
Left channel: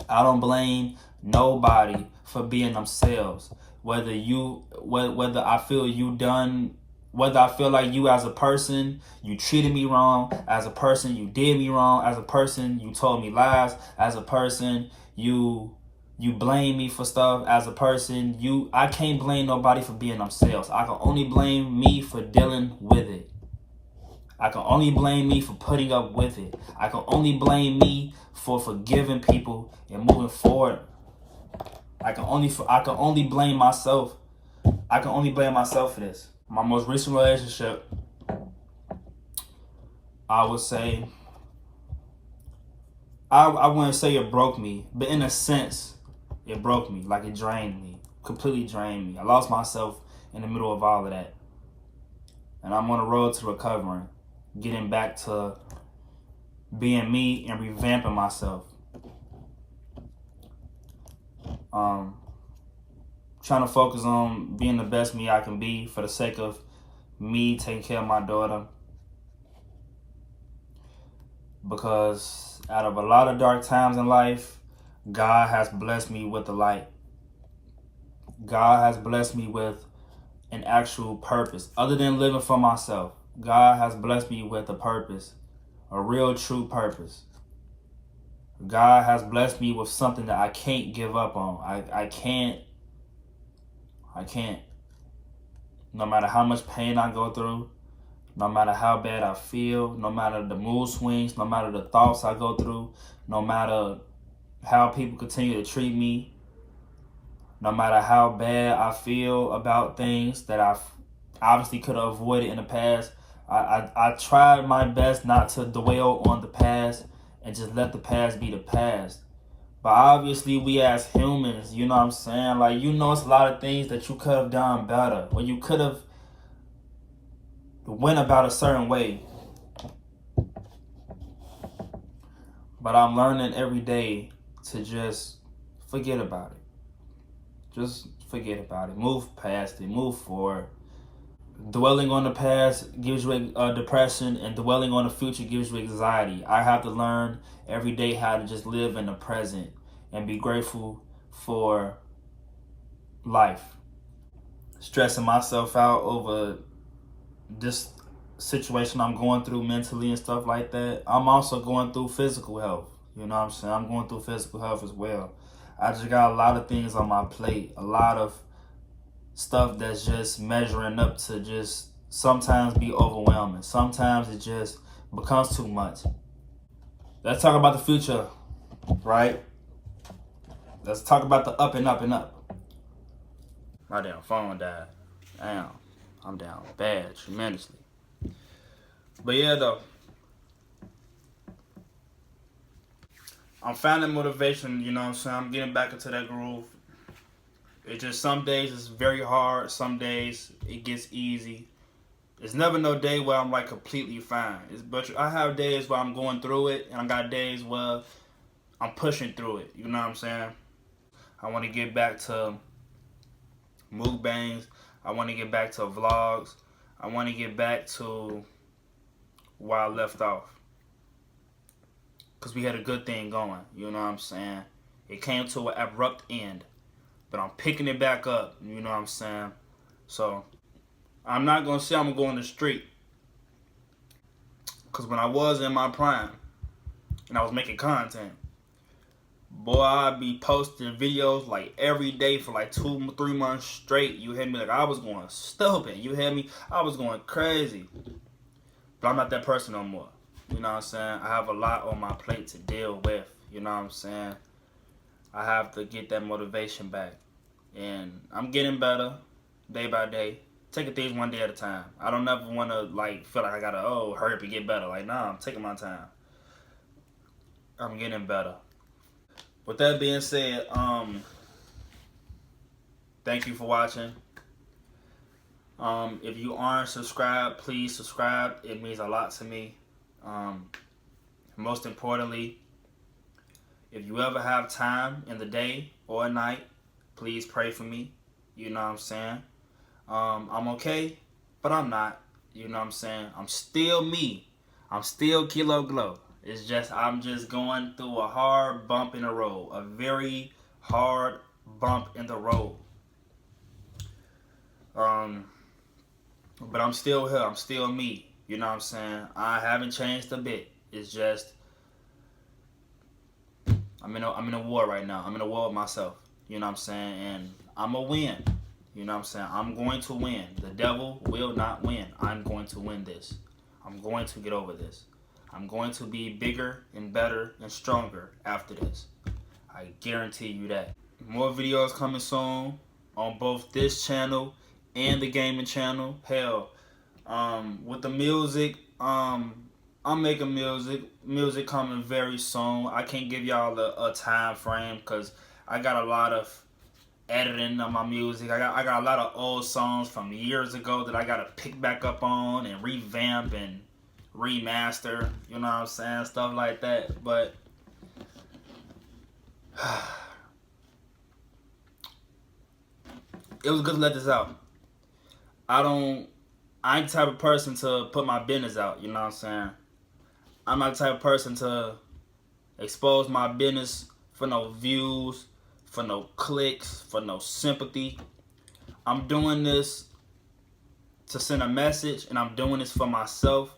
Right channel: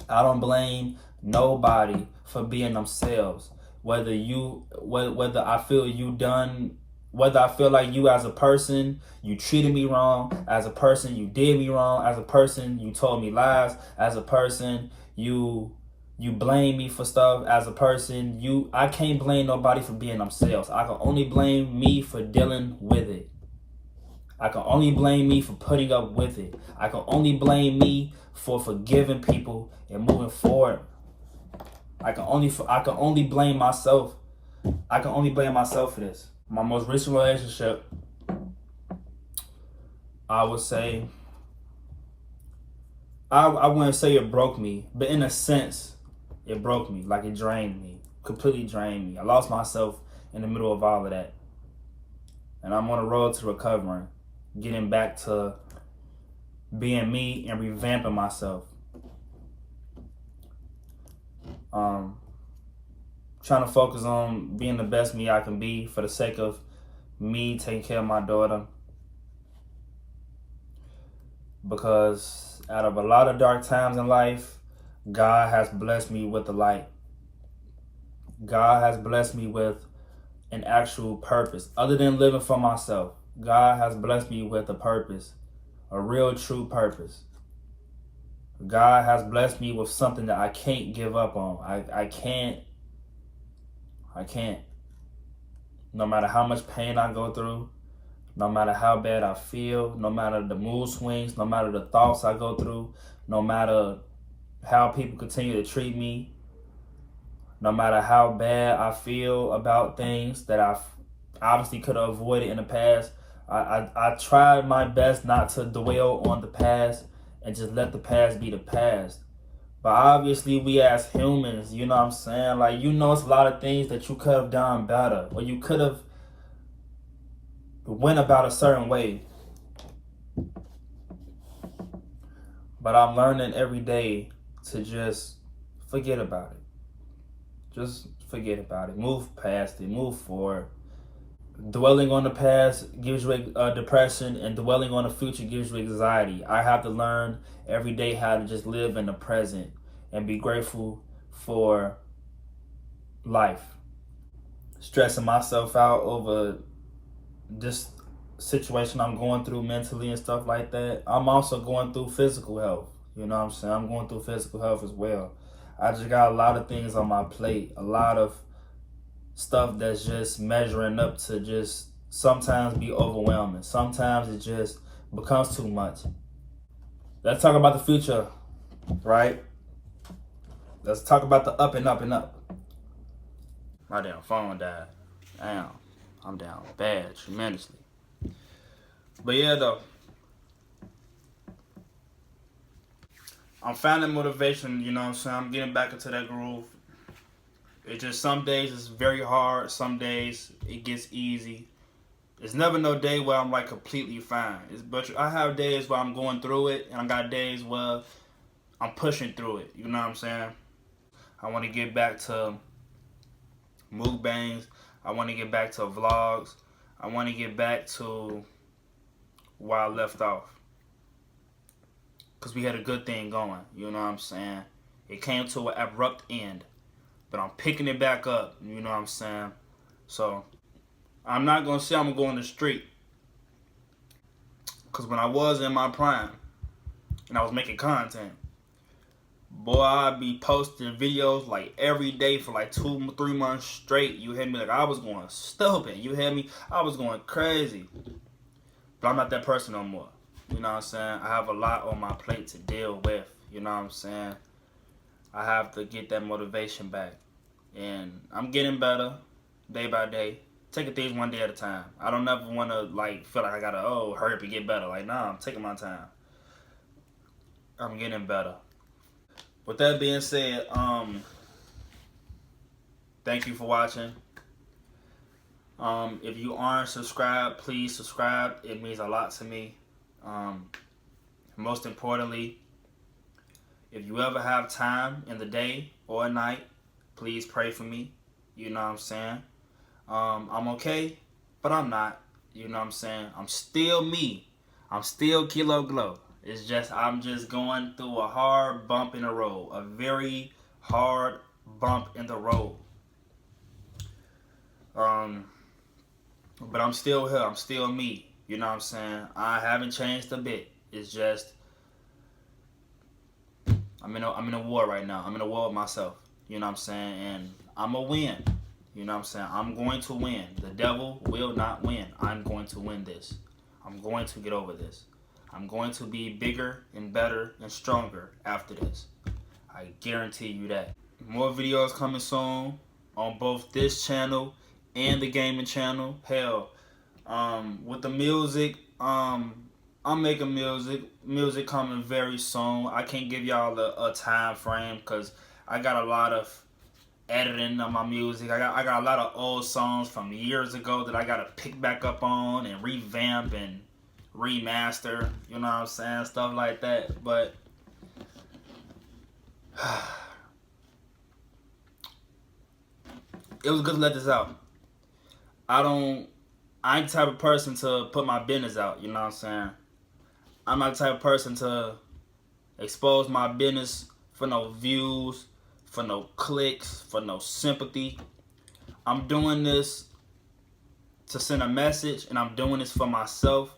I don't blame nobody for being themselves. Whether I feel whether I feel like you as a person, you treated me wrong, as a person, you did me wrong, as a person, you told me lies, as a person, you blame me for stuff, as a person, I can't blame nobody for being themselves. I can only blame me for dealing with it. I can only blame me for putting up with it. I can only blame me for forgiving people and moving forward. I can only blame myself. I can only blame myself for this. My most recent relationship, I would say, I wouldn't say it broke me, but in a sense, it broke me. Like, it drained me, completely drained me. I lost myself in the middle of all of that. And I'm on the road to recovering, getting back to being me and revamping myself. Trying to focus on being the best me I can be for the sake of me taking care of my daughter. Because out of a lot of dark times in life, God has blessed me with the light. God has blessed me with an actual purpose. Other than living for myself, God has blessed me with a purpose a real true purpose. God has blessed me with something that I can't give up on. I can't. No matter how much pain I go through, no matter how bad I feel, no matter the mood swings, no matter the thoughts I go through, no matter how people continue to treat me, no matter how bad I feel about things that I obviously could have avoided in the past, I tried my best not to dwell on the past and just let the past be the past. But obviously, we as humans, you know what I'm saying? Like, it's a lot of things that you could have done better, or you could have went about a certain way. But I'm learning every day to just forget about it. Just forget about it. Move past it. Move forward. Dwelling on the past gives you depression, and dwelling on the future gives you anxiety. I have to learn every day how to just live in the present and be grateful for life. Stressing myself out over this situation I'm going through mentally and stuff like that. I'm also going through physical health. You know what I'm saying? I'm going through physical health as well. I just got a lot of things on my plate, a lot of stuff that's just measuring up to just sometimes be overwhelming. Sometimes it just becomes too much. Let's talk about the future, right? Let's talk about the up and up and up. My damn phone died. Damn, I'm down bad, tremendously. But yeah, though, I'm finding motivation, you know what I'm saying? I'm getting back into that groove. It's just some days it's very hard, some days it gets easy. There's never no day where I'm like completely fine. But I have days where I'm going through it, and I got days where I'm pushing through it, you know what I'm saying? I want to get back to mukbangs. I want to get back to vlogs. I want to get back to where I left off. Because we had a good thing going, you know what I'm saying? It came to an abrupt end. But I'm picking it back up, you know what I'm saying? So, I'm not going to say I'm going to go on the street. Because when I was in my prime, and I was making content, boy, I'd be posting videos like every day for like 2-3 months straight. You hear me? Like, I was going stupid. You hear me? I was going crazy. But I'm not that person no more. You know what I'm saying? I have a lot on my plate to deal with. You know what I'm saying? I have to get that motivation back. And I'm getting better day by day. Taking things one day at a time. I don't ever want to like feel like I got to, hurry up and get better. Like, nah, I'm taking my time. I'm getting better. With that being said, thank you for watching. If you aren't subscribed, please subscribe. It means a lot to me. Most importantly, if you ever have time in the day or at night, please pray for me. You know what I'm saying? I'm okay, but I'm not. You know what I'm saying? I'm still me. I'm still Kilo Glow. It's just I'm just going through a hard bump in the road. A very hard bump in the road. But I'm still here. I'm still me. You know what I'm saying? I haven't changed a bit. It's just I'm in a war right now. I'm in a war with myself. You know what I'm saying? And I'm a win. You know what I'm saying? I'm going to win. The devil will not win. I'm going to win this. I'm going to get over this. I'm going to be bigger and better and stronger after this. I guarantee you that. More videos coming soon on both this channel and the gaming channel. Hell, with the music, I'm making music coming very soon. I can't give y'all a time frame because I got a lot of editing on my music. I got a lot of old songs from years ago that I gotta pick back up on and revamp and remaster. You know what I'm saying? Stuff like that. But it was good to let this out. I ain't the type of person to put my business out, you know what I'm saying? I'm not the type of person to expose my business for no views, for no clicks, for no sympathy. I'm doing this to send a message, and I'm doing this for myself.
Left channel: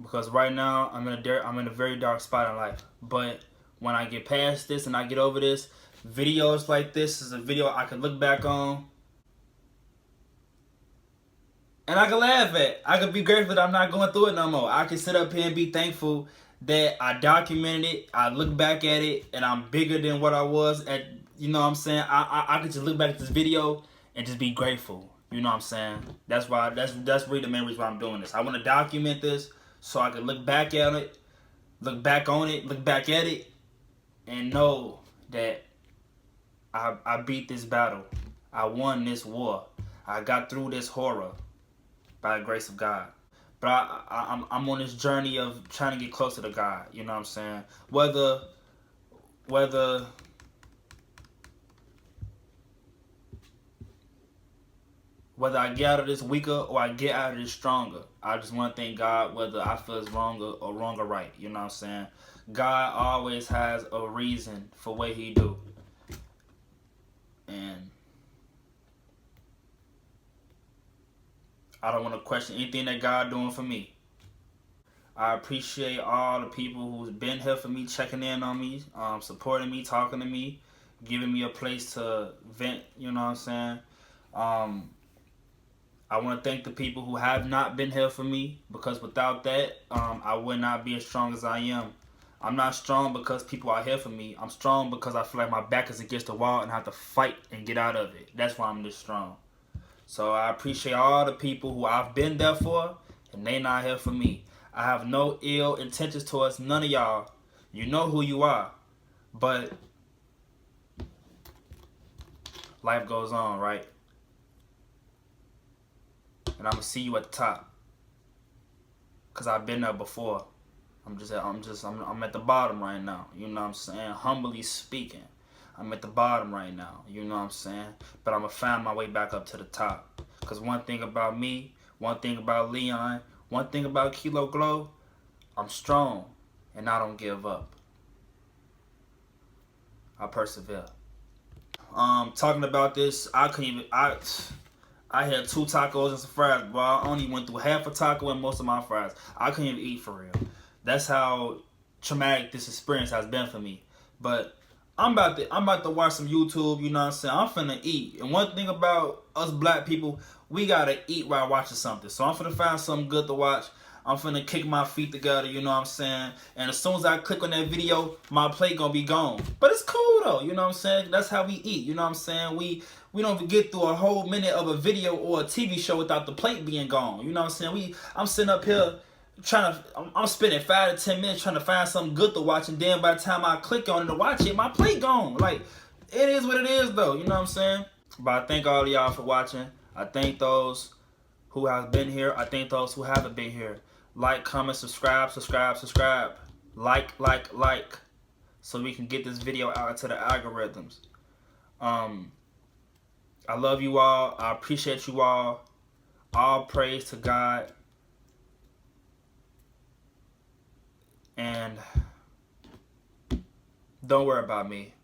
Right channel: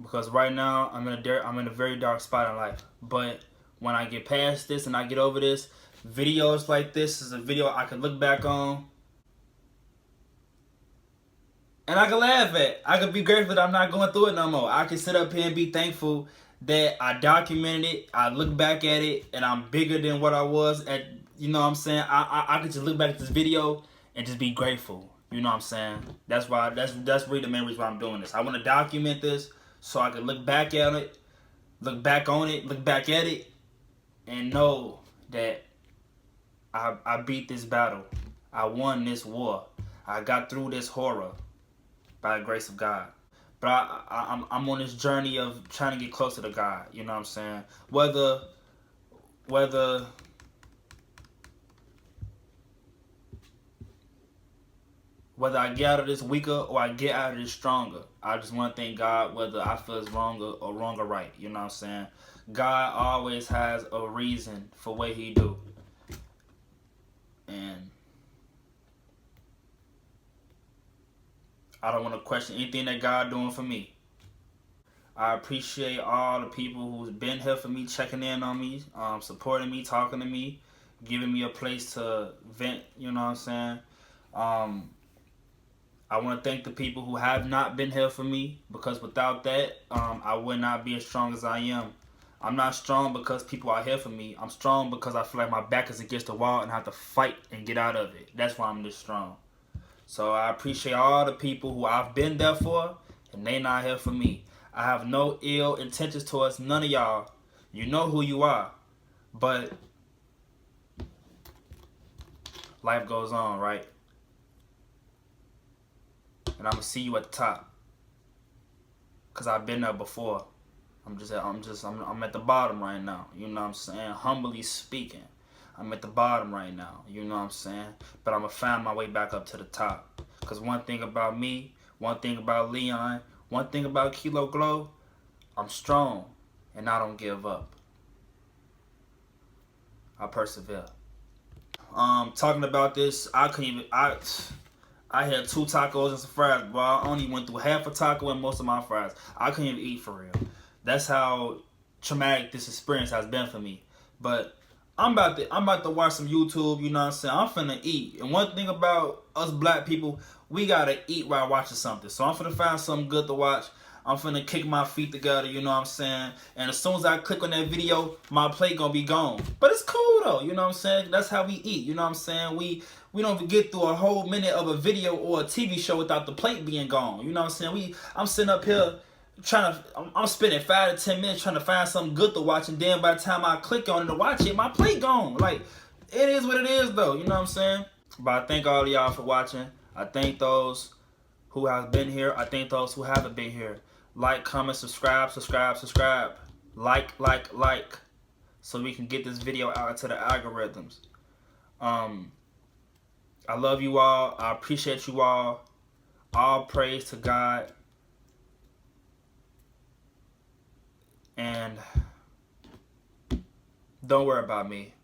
because right now I'm in a very dark spot in life. But when I get past this and I get over this, videos like this is a video I can look back on and I can laugh at. I can be grateful that I'm not going through it no more. I can sit up here and be thankful that I documented it. I look back at it and I'm bigger than what I was at. You know what I'm saying? I could just look back at this video and just be grateful. You know what I'm saying? That's why. That's really the main reason why I'm doing this. I want to document this so I can look back at it, look back on it, look back at it, and know that I beat this battle. I won this war. I got through this horror by the grace of God. But I'm on this journey of trying to get closer to God. You know what I'm saying? Whether I get out of this weaker or I get out of this stronger, I just want to thank God whether I feel it's wrong or right. You know what I'm saying? God always has a reason for what he do. And I don't want to question anything that God doing for me. I appreciate all the people who's been here for me, checking in on me, supporting me, talking to me, giving me a place to vent, you know what I'm saying? I want to thank the people who have not been here for me, because without that, I would not be as strong as I am. I'm not strong because people are here for me. I'm strong because I feel like my back is against the wall and I have to fight and get out of it. That's why I'm this strong. So I appreciate all the people who I've been there for and they not here for me. I have no ill intentions towards none of y'all. You know who you are. But life goes on, right? And I'm gonna see you at the top, cause I've been there before. I'm at the bottom right now. You know what I'm saying? Humbly speaking, I'm at the bottom right now. You know what I'm saying? But I'm gonna find my way back up to the top. Cause one thing about me, one thing about Leon, one thing about Kilo Glow, I'm strong and I don't give up. I persevere. Talking about this, I had 2 tacos and some fries, but I only went through half a taco and most of my fries. I couldn't even eat for real. That's how traumatic this experience has been for me. But I'm about to watch some YouTube, you know what I'm saying? I'm finna eat. And one thing about us black people, we gotta eat while watching something. So I'm finna find something good to watch. I'm finna kick my feet together, you know what I'm saying? And as soon as I click on that video, my plate gonna be gone. But it's cool though, you know what I'm saying? That's how we eat, you know what I'm saying? We don't even get through a whole minute of a video or a TV show without the plate being gone. You know what I'm saying? I'm sitting up here I'm spending 5 to 10 minutes trying to find something good to watch, and then by the time I click on it to watch it, my plate gone. Like, it is what it is though, you know what I'm saying? But I thank all of y'all for watching. I thank those who have been here. I thank those who haven't been here. Like, comment, subscribe. Like, so we can get this video out into the algorithms. I love you all. I appreciate you all. All praise to God. And don't worry about me.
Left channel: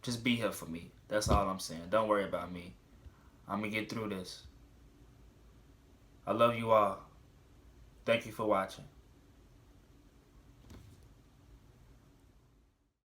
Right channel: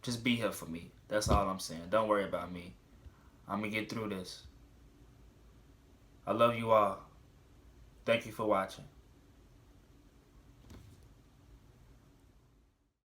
Just be here for me. That's all I'm saying. Don't worry about me. I'm going to get through this. I love you all. Thank you for watching.